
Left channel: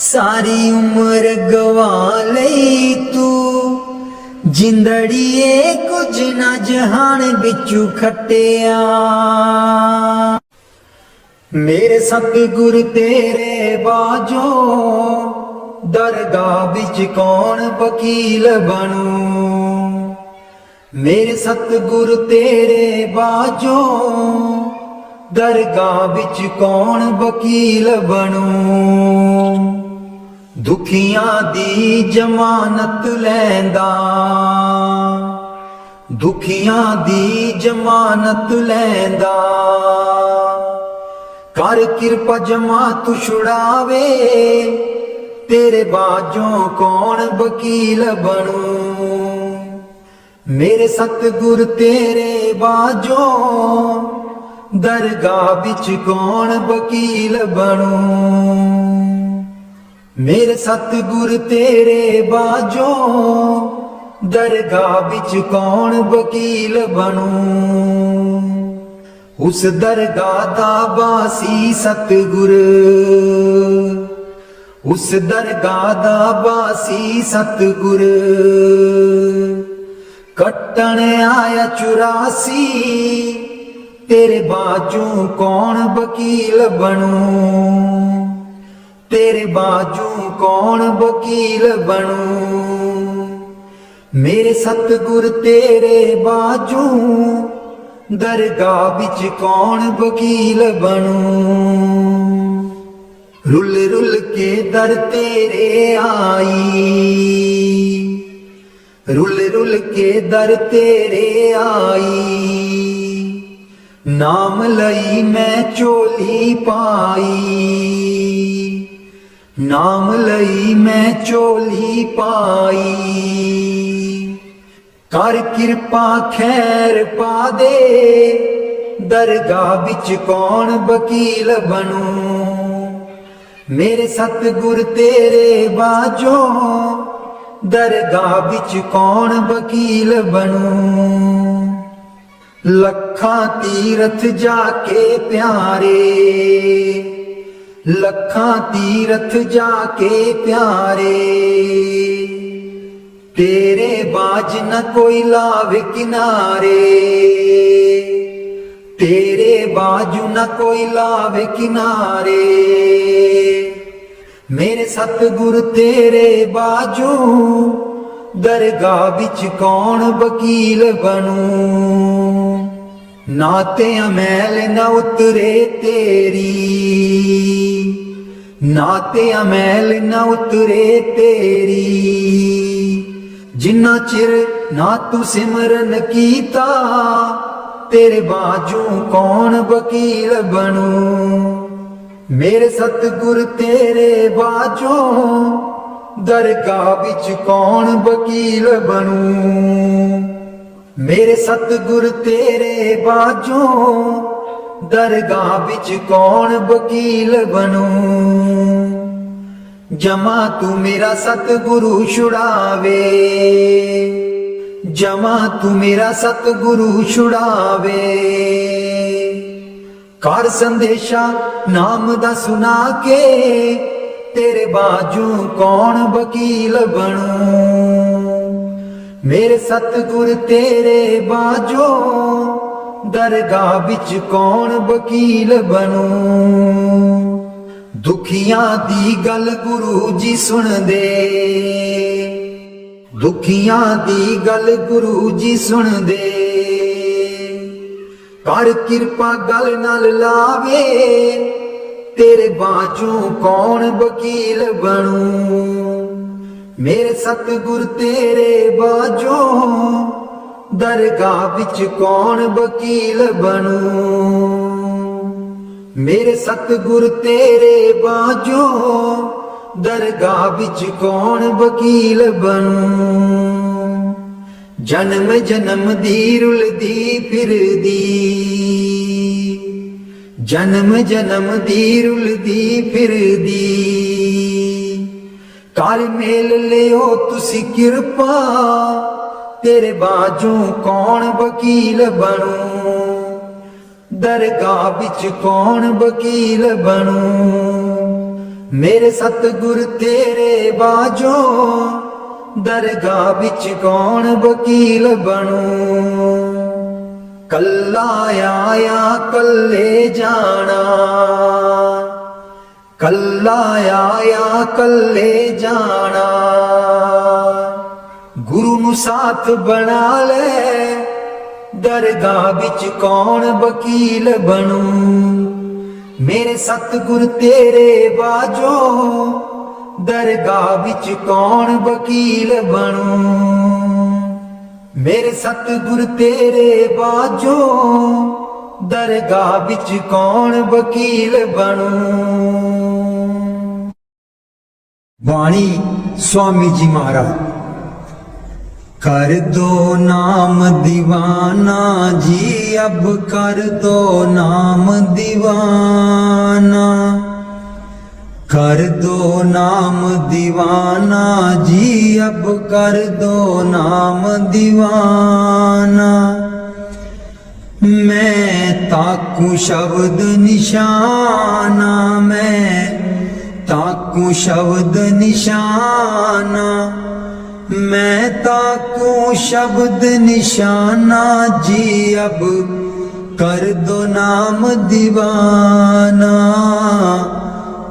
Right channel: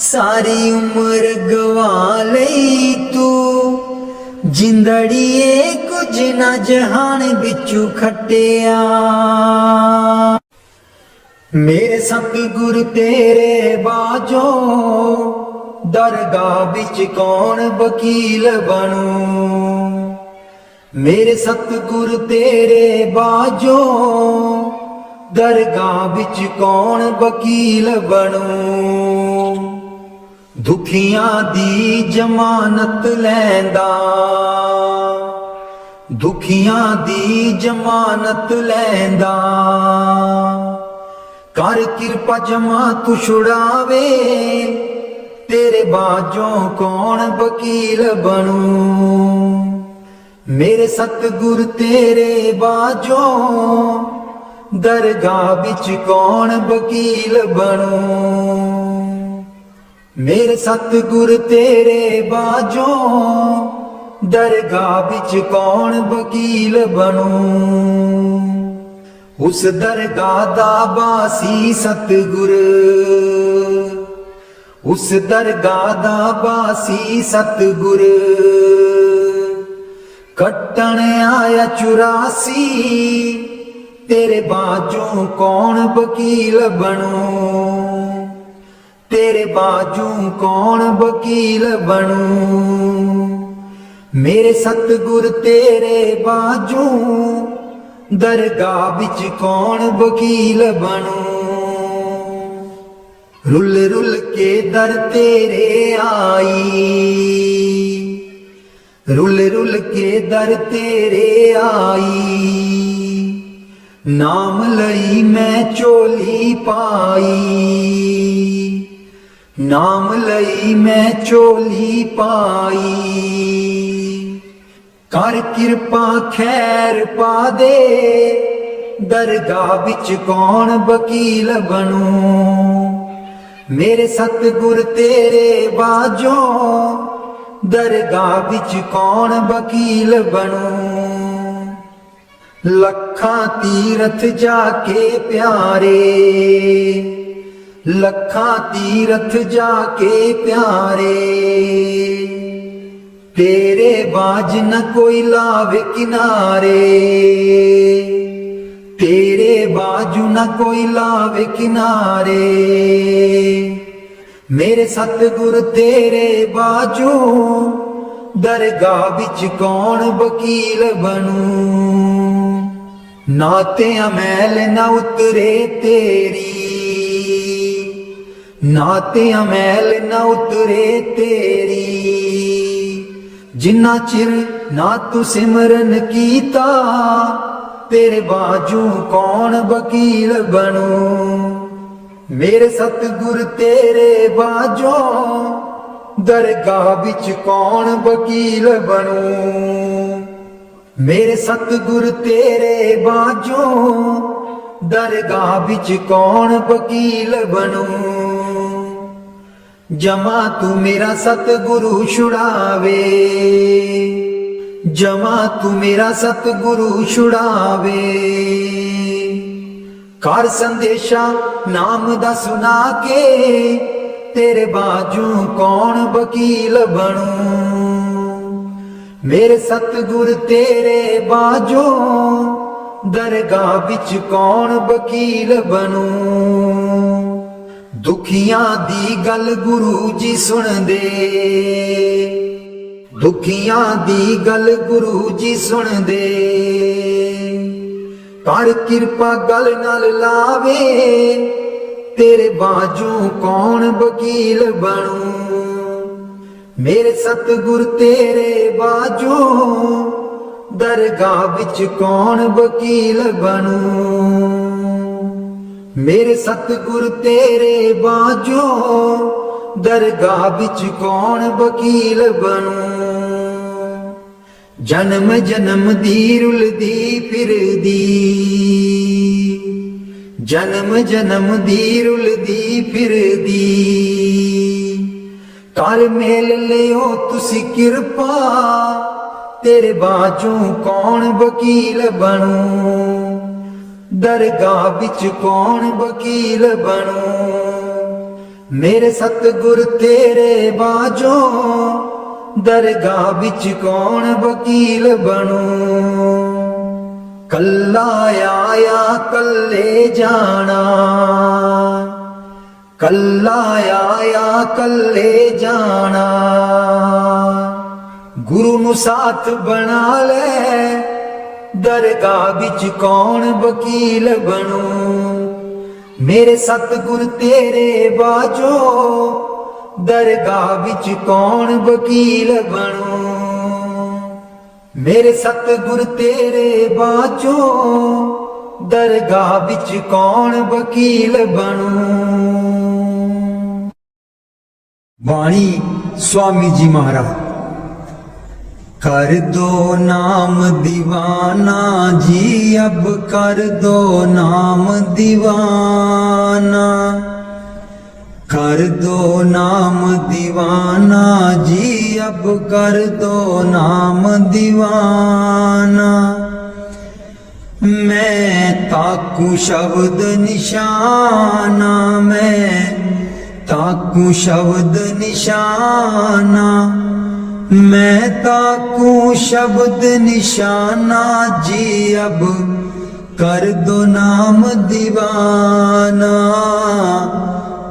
सारी उम्र गवा लई तू जिंदड़िए कुछ न जहान बिचू खटिया मेरे सतगुर तेरे बाजो दरगाह बिच कौन वकील बनूं मेरे सतगुर तेरे बाजो दरगाह बिच कौन वकील बनूं दुखियां दी जमानत लैंदा दुखियां दी जमानत लैंदा कर किरपा जमा तू छुड़ावे तेरे बाजों कौन वकील बनूं मेरे सतगुर तेरे बाजों दरगाह बिच कौन वकील बनूं मेरे सतगुर तेरे बाजों दरगाह बिच कौन वकील बनूं उस दरगाह दा बासी सतगुर उस दरगाह दा बासी सतगुर कट्टन आया 84 तेरे बाजू कौन वकील बनूं तेरे बाजू कौन वकील बनूं मेरे सतगुर तेरे बाजू दरगाह बिच कौन वकील बनूं रुल रुल के दर तेरे आई रुल रुल के दर तेरे आई नाम लई मैं चोली पाई नाम लई मैं चोली पाई कर किरपा खैर पा दे दरगाह बिच कौन वकील बनूं मेरे सतगुर तेरे बाजो दरगाह बिच कौन वकील बनूं लखां तीरथ जाके प्यारे लखां तीरथ जाके प्यारे तेरे बाज न कोई लावे किनारे तेरे बाजू न कोई लावे किनारे मेरे सतगुर तेरे बाजू दरगाह बिच कौन वकील बनूं ना ते मैल ना उतरे तेरी, ना ते मैल ना उतरे तेरी। जिन्ना चिर ना तू सिमरन कीता, तेरे बाजू कौन वकील बनूं। मेरे सतगुर तेरे बाजों, दरगाह बिच कौन वकील बनूं। मेरे सतगुर तेरे बाजों, दरगाह बिच कौन वकील बनूं। जमा तू मेरा सतगुरु छुड़ावे, जमा तू मेरा सतगुरु छुड़ावे। कर संदेशा नाम दा सुना के, तेरे बाजू कौन वकील बनूं। मेरे सतगुर तेरे बाजों, दरगाह बिच कौन वकील बनूं। दुखियां दी गल गुरु जी सुन दे, दुखियां दी गल गुरु जी सुन दे। कर किरपा गल नाल लावे, तेरे बाजू कौन वकील बनूं। मेरे सतगुर तेरे बाजू, दरगाह बिच कौन वकील बनूं। मेरे सतगुर तेरे बाजू, दरगाह बिच कौन वकील बनूं। जन्म जन्म दी रुलदी फिरदी, जन्म जन्म दी रुलदी फिरदी। कर मेल लियो तुसी किरपा, तेरे बाजू कौन वकील बनूं। दरगाह बिच कौन वकील बनूं। मेरे सतगुर तेरे बाजों, दरगाह बिच कौन वकील बनूं। कल्ला आया कल्ले जाना, कल्ला आया कल्ले जाना। गुरु नू साथ बना ले, दरगाह बिच कौन वकील बनूं। मेरे सतगुर तेरे बाजों, दरगाह बिच कौन वकील बनूं। मेरे सतगुर तेरे बाजों, दरगाह बिच कौन वकील बनूं। बाणी स्वामी जी महाराज। कर दो नाम दीवाना जी, अब कर दो नाम दीवाना। कर दो नाम दीवाना जी, अब कर दो नाम दीवाना। मैं ताकू शब्द निशाना, मैं ताकू शब्द निशाना। मैं ताकू शब्द निशाना जी, अब कर दो नाम दीवाना।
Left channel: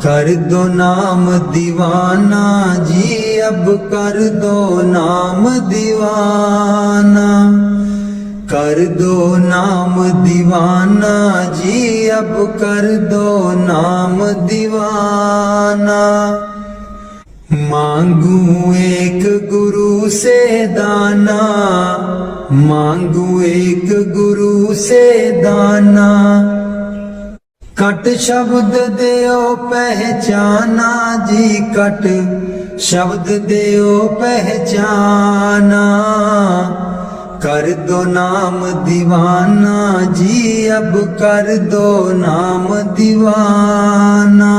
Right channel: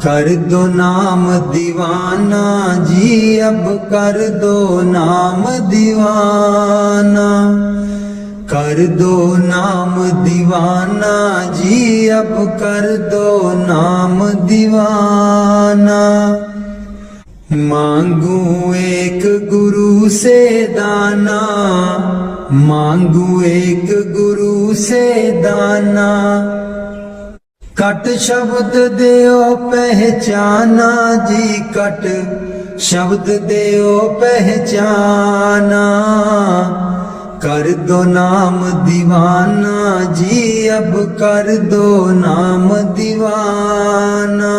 कर दो नाम दीवाना जी, अब कर दो नाम दीवाना। कर दो नाम दीवाना जी, अब कर दो नाम दीवाना। मांगू एक गुरु से दाना, मांगू एक गुरु से दाना। कट शब्द देओ पहचाना जी, कट शब्द देओ पहचाना। कर दो नाम दीवाना जी, अब कर दो नाम दीवाना।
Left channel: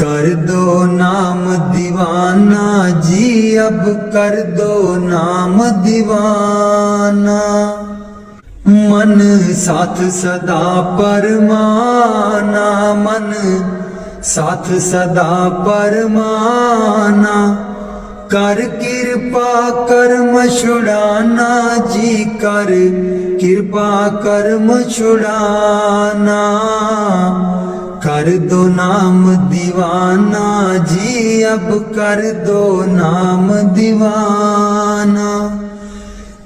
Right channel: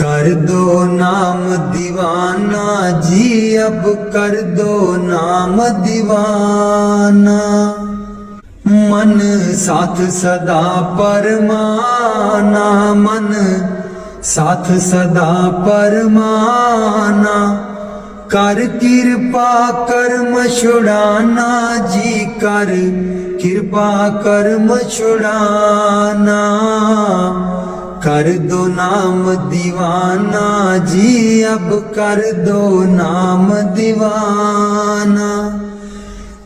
कर दो नाम दीवाना जी, अब कर दो नाम दीवाना। मन साथ सदा परमाना, मन साथ सदा परमाना। कर किरपा कर्म छुड़ाना जी, कर किरपा कर्म छुड़ाना। कर दो नाम दीवाना जी, अब कर दो नाम दीवाना।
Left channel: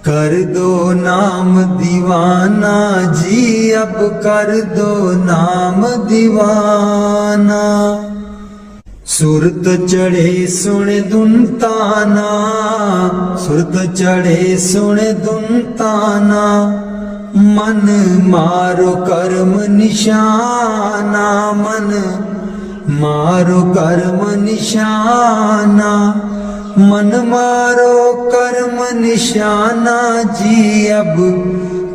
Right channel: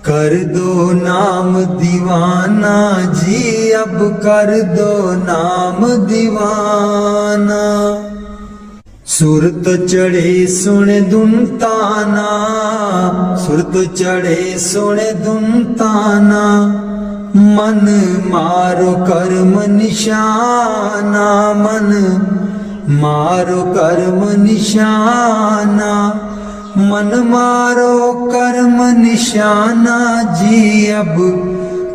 कर कर दो नाम दीवाना जी, अब कर दो नाम दीवाना। सुरत चढ़े सुन धुन ताना, सुरत चढ़े सुन धुन ताना। मन मारो कर्म निशाना, मन मारो कर्म निशाना। मन मारो कर्म निशाना जी, अब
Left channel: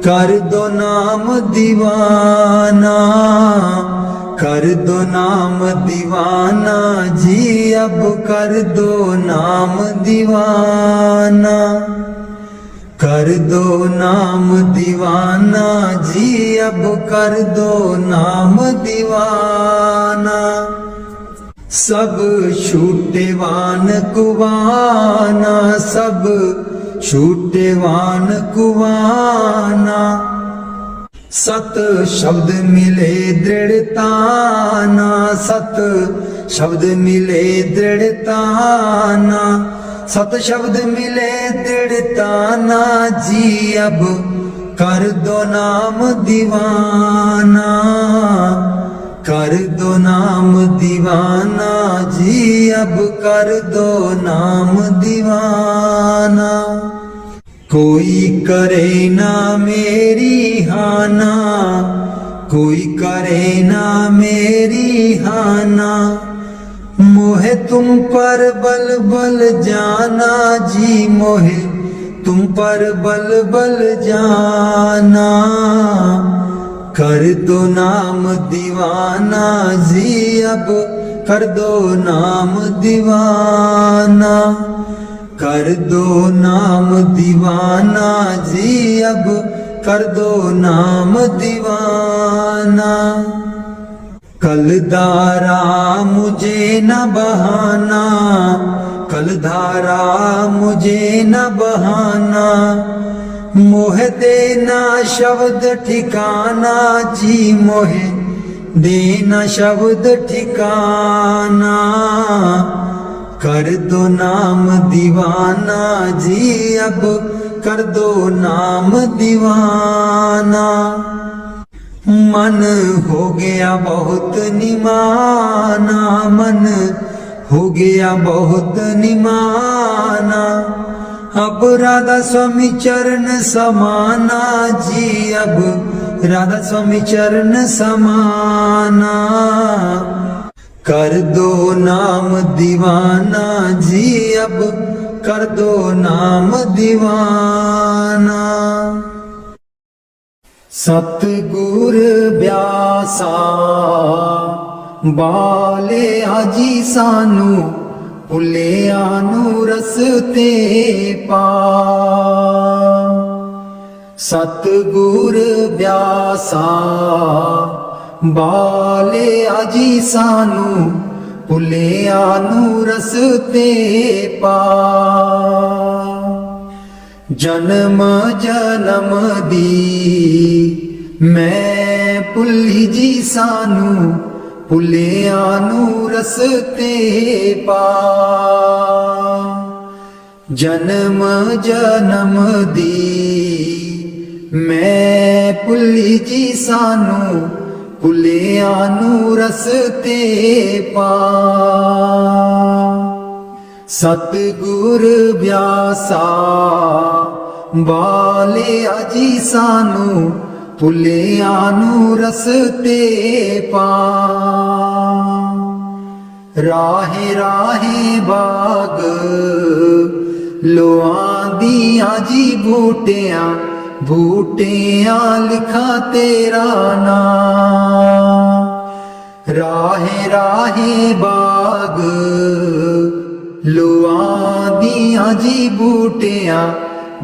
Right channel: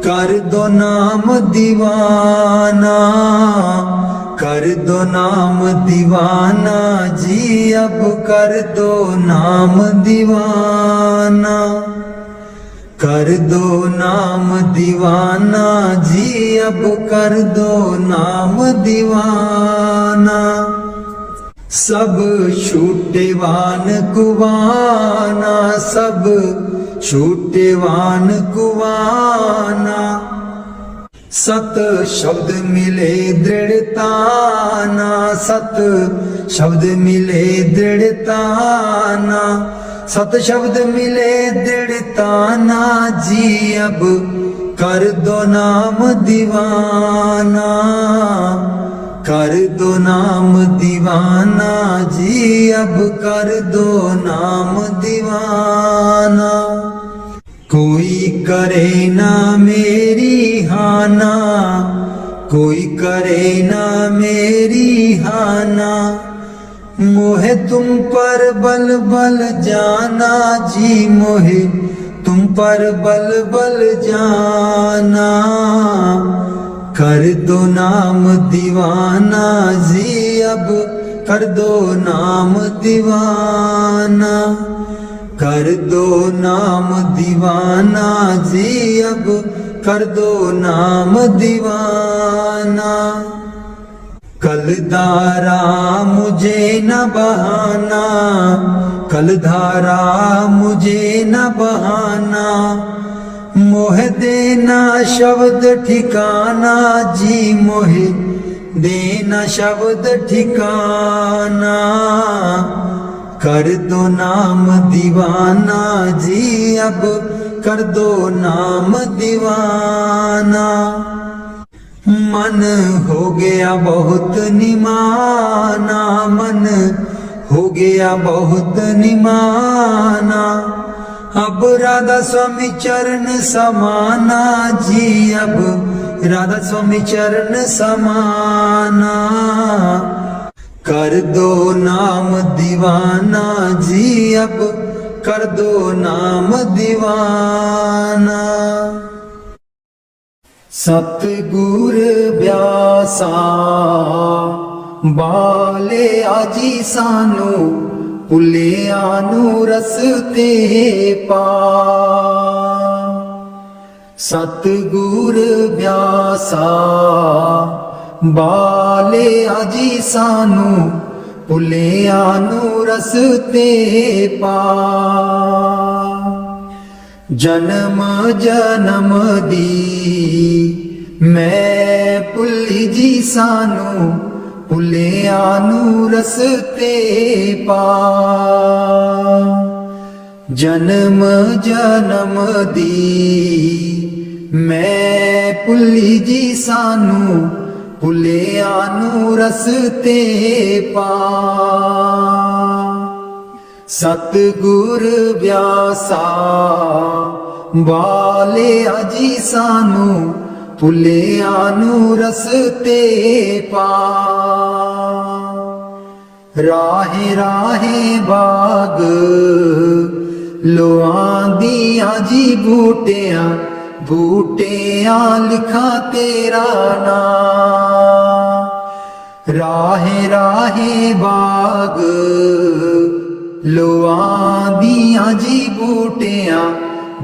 कर दो नाम दीवाना। कर दो नाम दीवाना जी, अब कर दो नाम दीवाना। कर दो नाम दीवाना जी, अब कर दो नाम दीवाना। सब छूटेवान कुवाना, सब छूटेवान कुवाना। सत शब्द मिले दृढ़ताना, सत शब्द मिले दृढ़ताना। सत शब्द मिले दृढ़ताना जी, अब कर दो नाम दीवाना। कर दो नाम दीवाना जी, अब कर दो नाम दीवाना। कोई करे ना मेरी हाना, कोई करे ना मेरी हाना। मोहे तुम पर बल बल जाना जी, मोहे तुम पर बल बल जाना। कर दो नाम दीवाना जी, अब कर दो नाम दीवाना। कर दो नाम दीवाना जी, अब कर दो नाम दीवाना। कलधारा मुझे न बहाना, कलधारा मुझे न बहाना। मोहे देना शब्द ठिकाना जी, मोहे देना शब्द ठिकाना। कर दो नाम दीवाना जी, अब कर दो नाम दीवाना। मन हो गया बहुत निमाना, मन हो गया बहुत निमाना। अब राधा स्वामी चरण समाना जी, अब राधा स्वामी चरण समाना। कर दो नाम दीवाना जी, अब कर दो नाम दीवाना। सतगुर व्यासा बाले आजी सानू, भुलिया नू रस्ते पा। सतगुर व्यासा बाले आजी सानू, भुलिया नू रस्ते पा। जन्म जन्म दी मैं भुली जी सानू, भुलिया नू रस्ते पा। जन्म जन्म दी मैं भुली जी सानू, भुलिया नू रस्ते पा। सतगुर व्यासा बाले आजी सानू, भुलिया नू रस्ते पा। राहे राहे बाग लोआंदियां जी बूटियां, बूटियां लिखा तेरा नाम। राहे राहे बाग लोआंदियां जी बूटियां,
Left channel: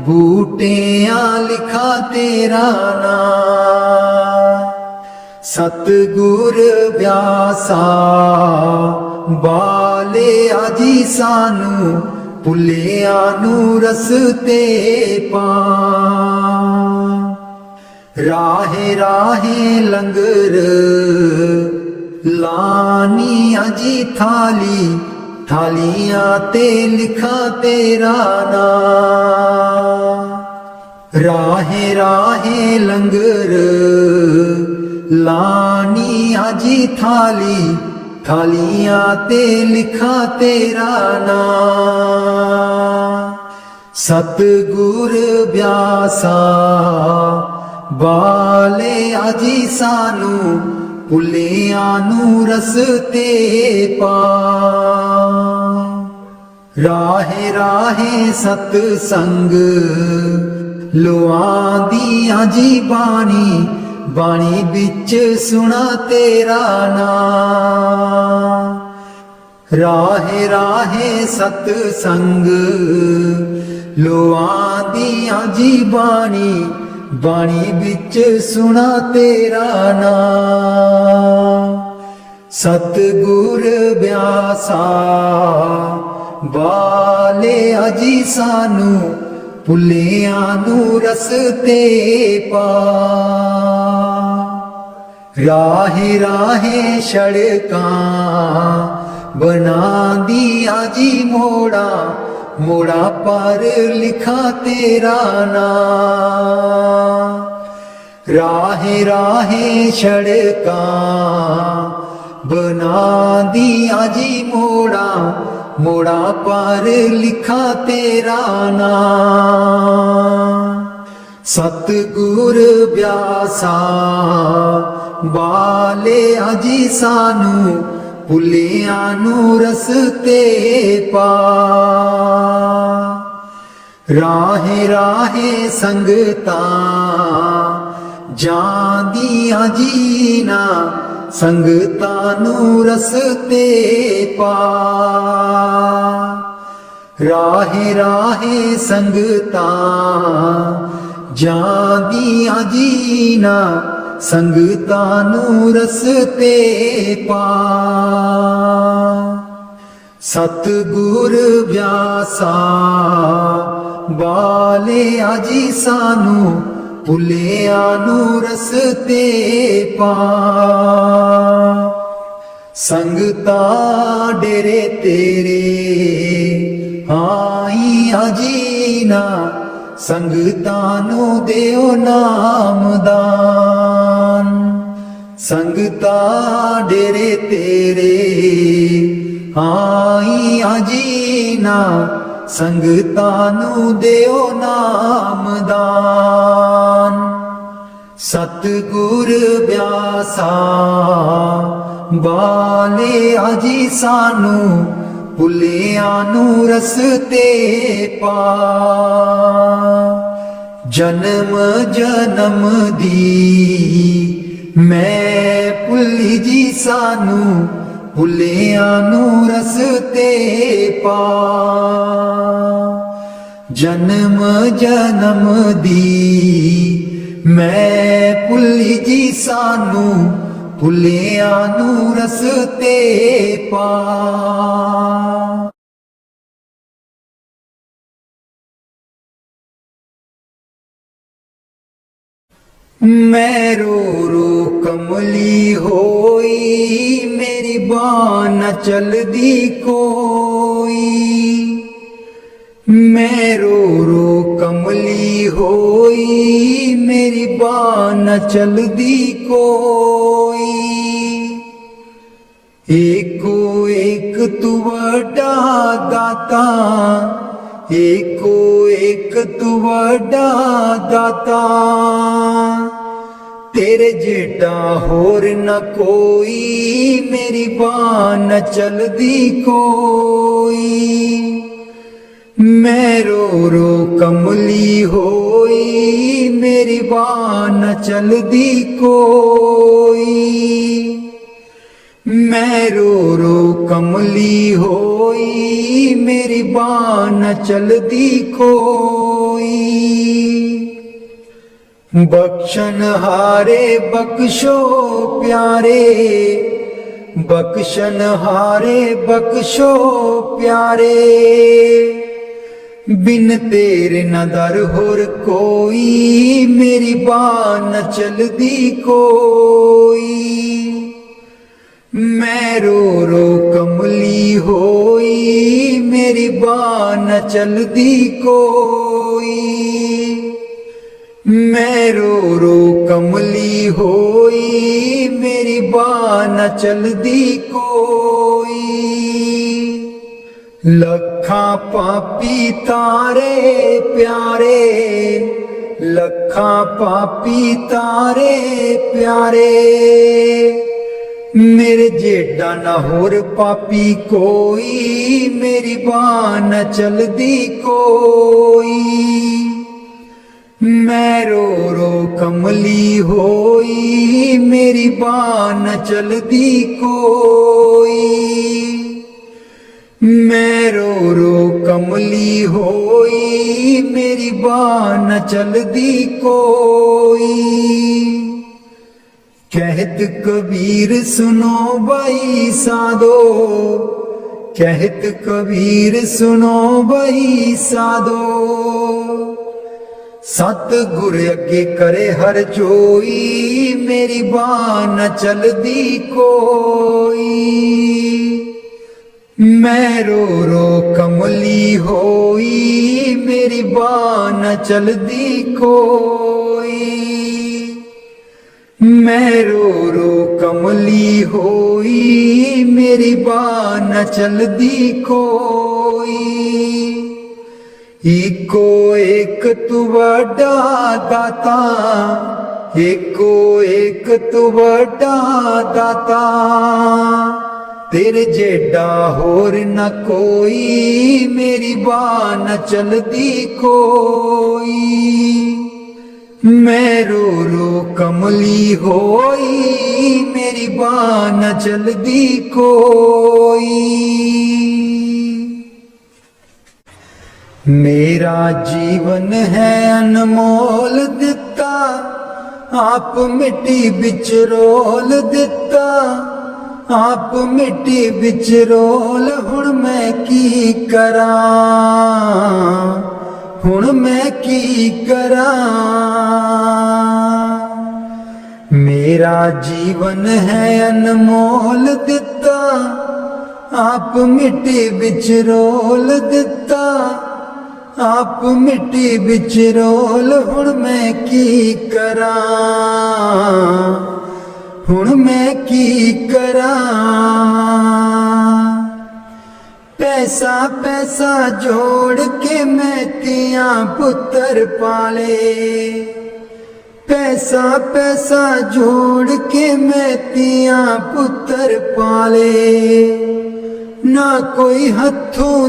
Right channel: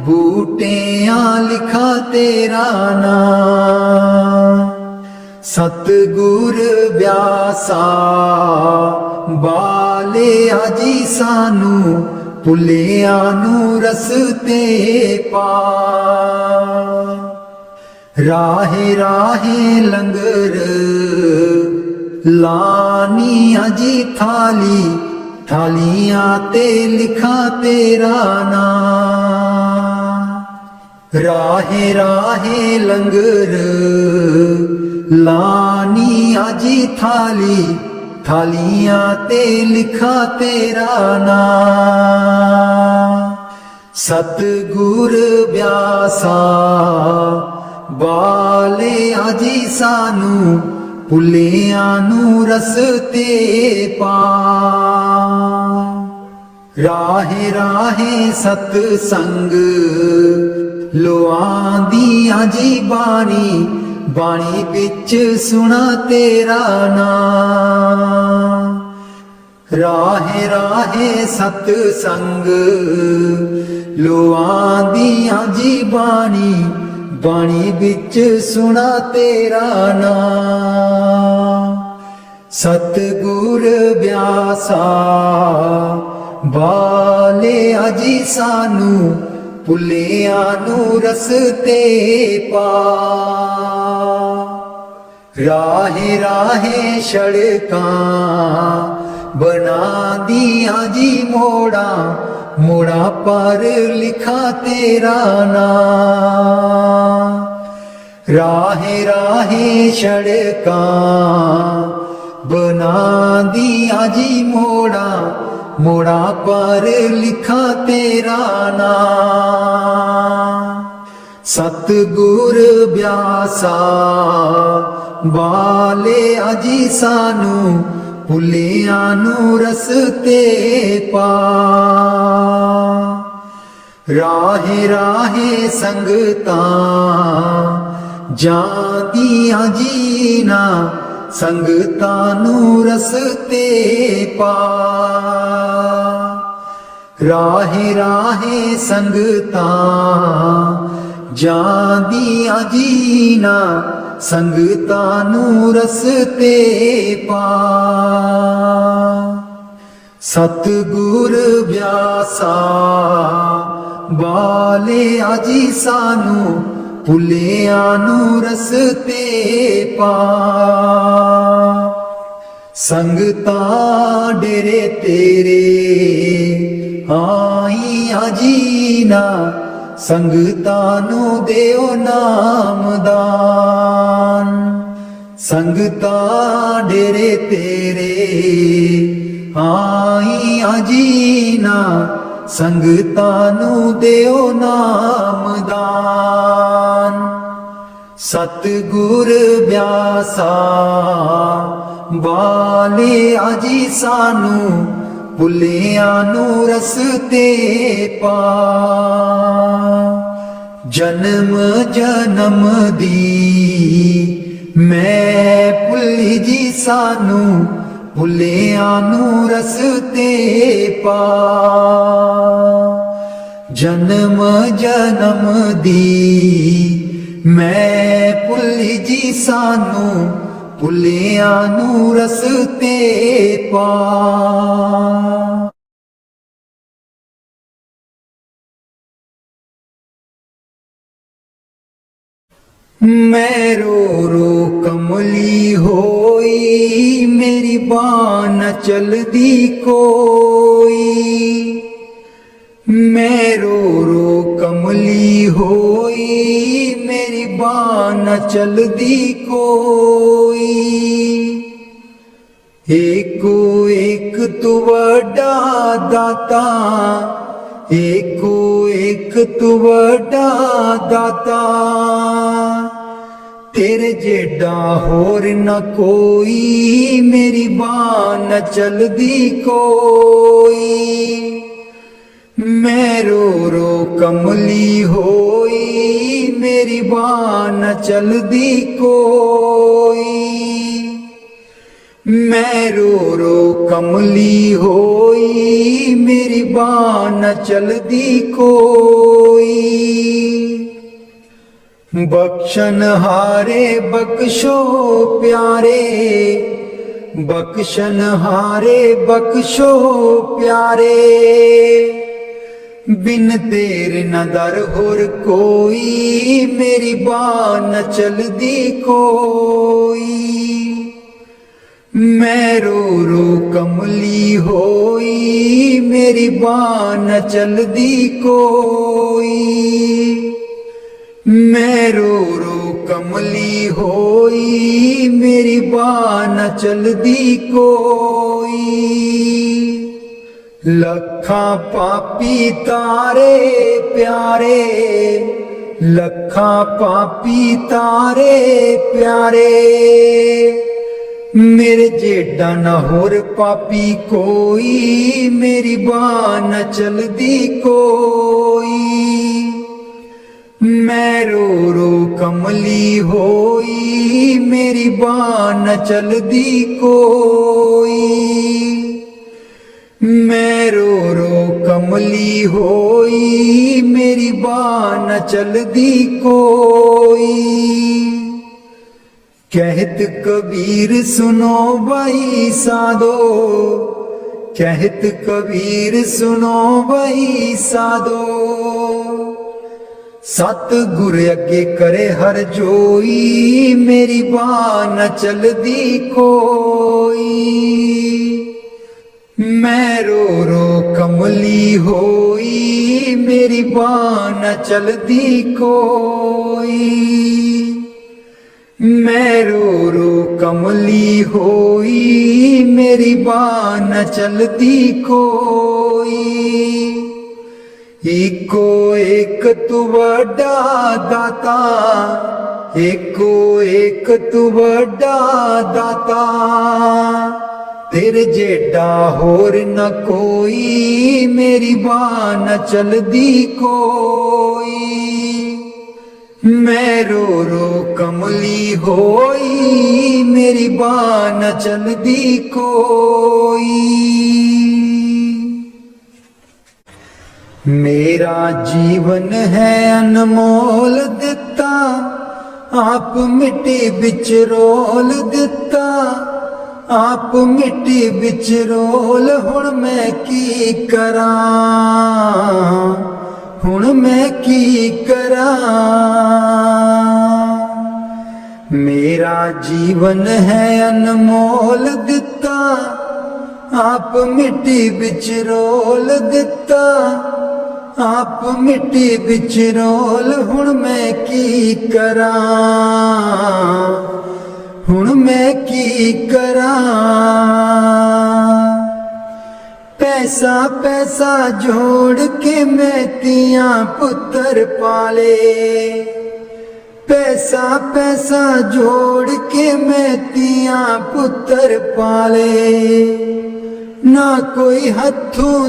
बूटियां लिखा तेरा नाम। सतगुर व्यासा बाले आजी सानू, भुलिया नू रस्ते पा। राहे राहे लंगर लानिया जी थाली, थालियां ते लिखा तेरा नाम। राहे राहे लंगर लानी आजी थाली थालियां ते लिखा तेरा नाम सतगुर ब्यासा बाले आजी सानू भुलियां नू रस्ते पा राहे राहे सतसंग लोआंदियां जी बाणी बाणी बिच सुना तेरा नाम राहे राहे सतसंग लोआंदियां जी बाणी बाणी बिच सुना तेरा नाम सतगुर ब्यासा बाले अजी सानू भुलियां नू रस्ते पा राहे राहे सड़कां बनांदियां जी मोड़ा मोड़ा पर लिखा तेरा नाम राहे राहे सड़कां बनांदियां जी मोड़ा मोड़ा पर लिखा तेरा नाम सतगुर ब्यासा बाले अजी सानू भुलियां नू रस्ते पा राहे राहे संगतां जांदियां जीना संगतां नू रस्ते पा राहे राहे संगतां जांदियां जीना संगतां नू रस्ते पा सतगुर ब्यासा बाले अजी सानू भुलियां नू रस्ते पा संगतां डेरे तेरे आईयां जीना संगतां नू देओ नामदान संगतां डेरे तेरे आईयां जीना संगतां नू देओ नामदान सतगुर ब्यासा बाले अजी सानू भुलियां नू रस्ते पा जन्म जन्म दी मैं भुली जी सानू भुलियां नू रस्ते पा जन्म जन्म दी मैं भुली जी सानू भुलियां नू रस्ते पा मैं रो रो कमली होई मेरी बाँ न चलदी कोई मैं रो रो कमली होई मेरी बाँ न चलदी कोई एको एक तू वड्डा दाता एको एक तू वड्डा दाता तेरे जेडा होर न कोई मेरी बाँ न चलदी कोई मैं रो रो कमली होई मेरी बाँ न चलदी कोई मैं रो रो कमली होई मेरी बाँ न चलदी कोई बख्शन हारे बख्शो प्यारे बख्शन हारे बख्शो प्यारे बिन तेरे न दर होर कोई मेरी बाँ न चलदी कोई मैं रो रो कमली होई मेरी बाँ न चलदी कोई मैं रो रो कमली होई, मेरी बाह न चलदी कोई। लखां पापी तारे प्यारे, लखां पापी तारे प्यारे, मेरे जेडा न होर पापी कोई, मेरी बाह न चलदी कोई। मैं रो रो कमली होई, मेरी बाह न चलदी कोई। मैं रो रो कमली होई, मेरी बाह न चलदी कोई। कहत कबीर सुनो भाई साधो, कहत कबीर सुनो भाई साधो। सतगुर अगे करे हर जोई, मेरी बाह न चलदी कोई। मैं रो रो कमली होई, मेरी बाह न चलदी कोई। मैं रो रो कमली होई, मेरी बाह न चलदी कोई। एको एक तू वड्डा दाता, एको एक तू वड्डा दाता, तेरे जेडा होर न कोई, मेरी बाह न चलदी कोई। मैं रो रो कमली होई, मेरी बाह न चलदी कोई। मेरा जीवन है अनमोल दिता, आप मिट्टी बिच रोल दिता, आप मिट्टी बिच रोल। हुण मैं की करा, हुण मैं की करा। मेरा जीवन है अनमोल दिता, आप मिट्टी बिच रोल दिता, आप मिट्टी बिच रोल। हुण मैं की करा, हुण मैं की करा। पैसा पैसा जोड़ के मैं तियां पुत्तर पाले, पैसा पैसा जोड़ के मैं तियां पुत्तर पाले। ना कोई हथों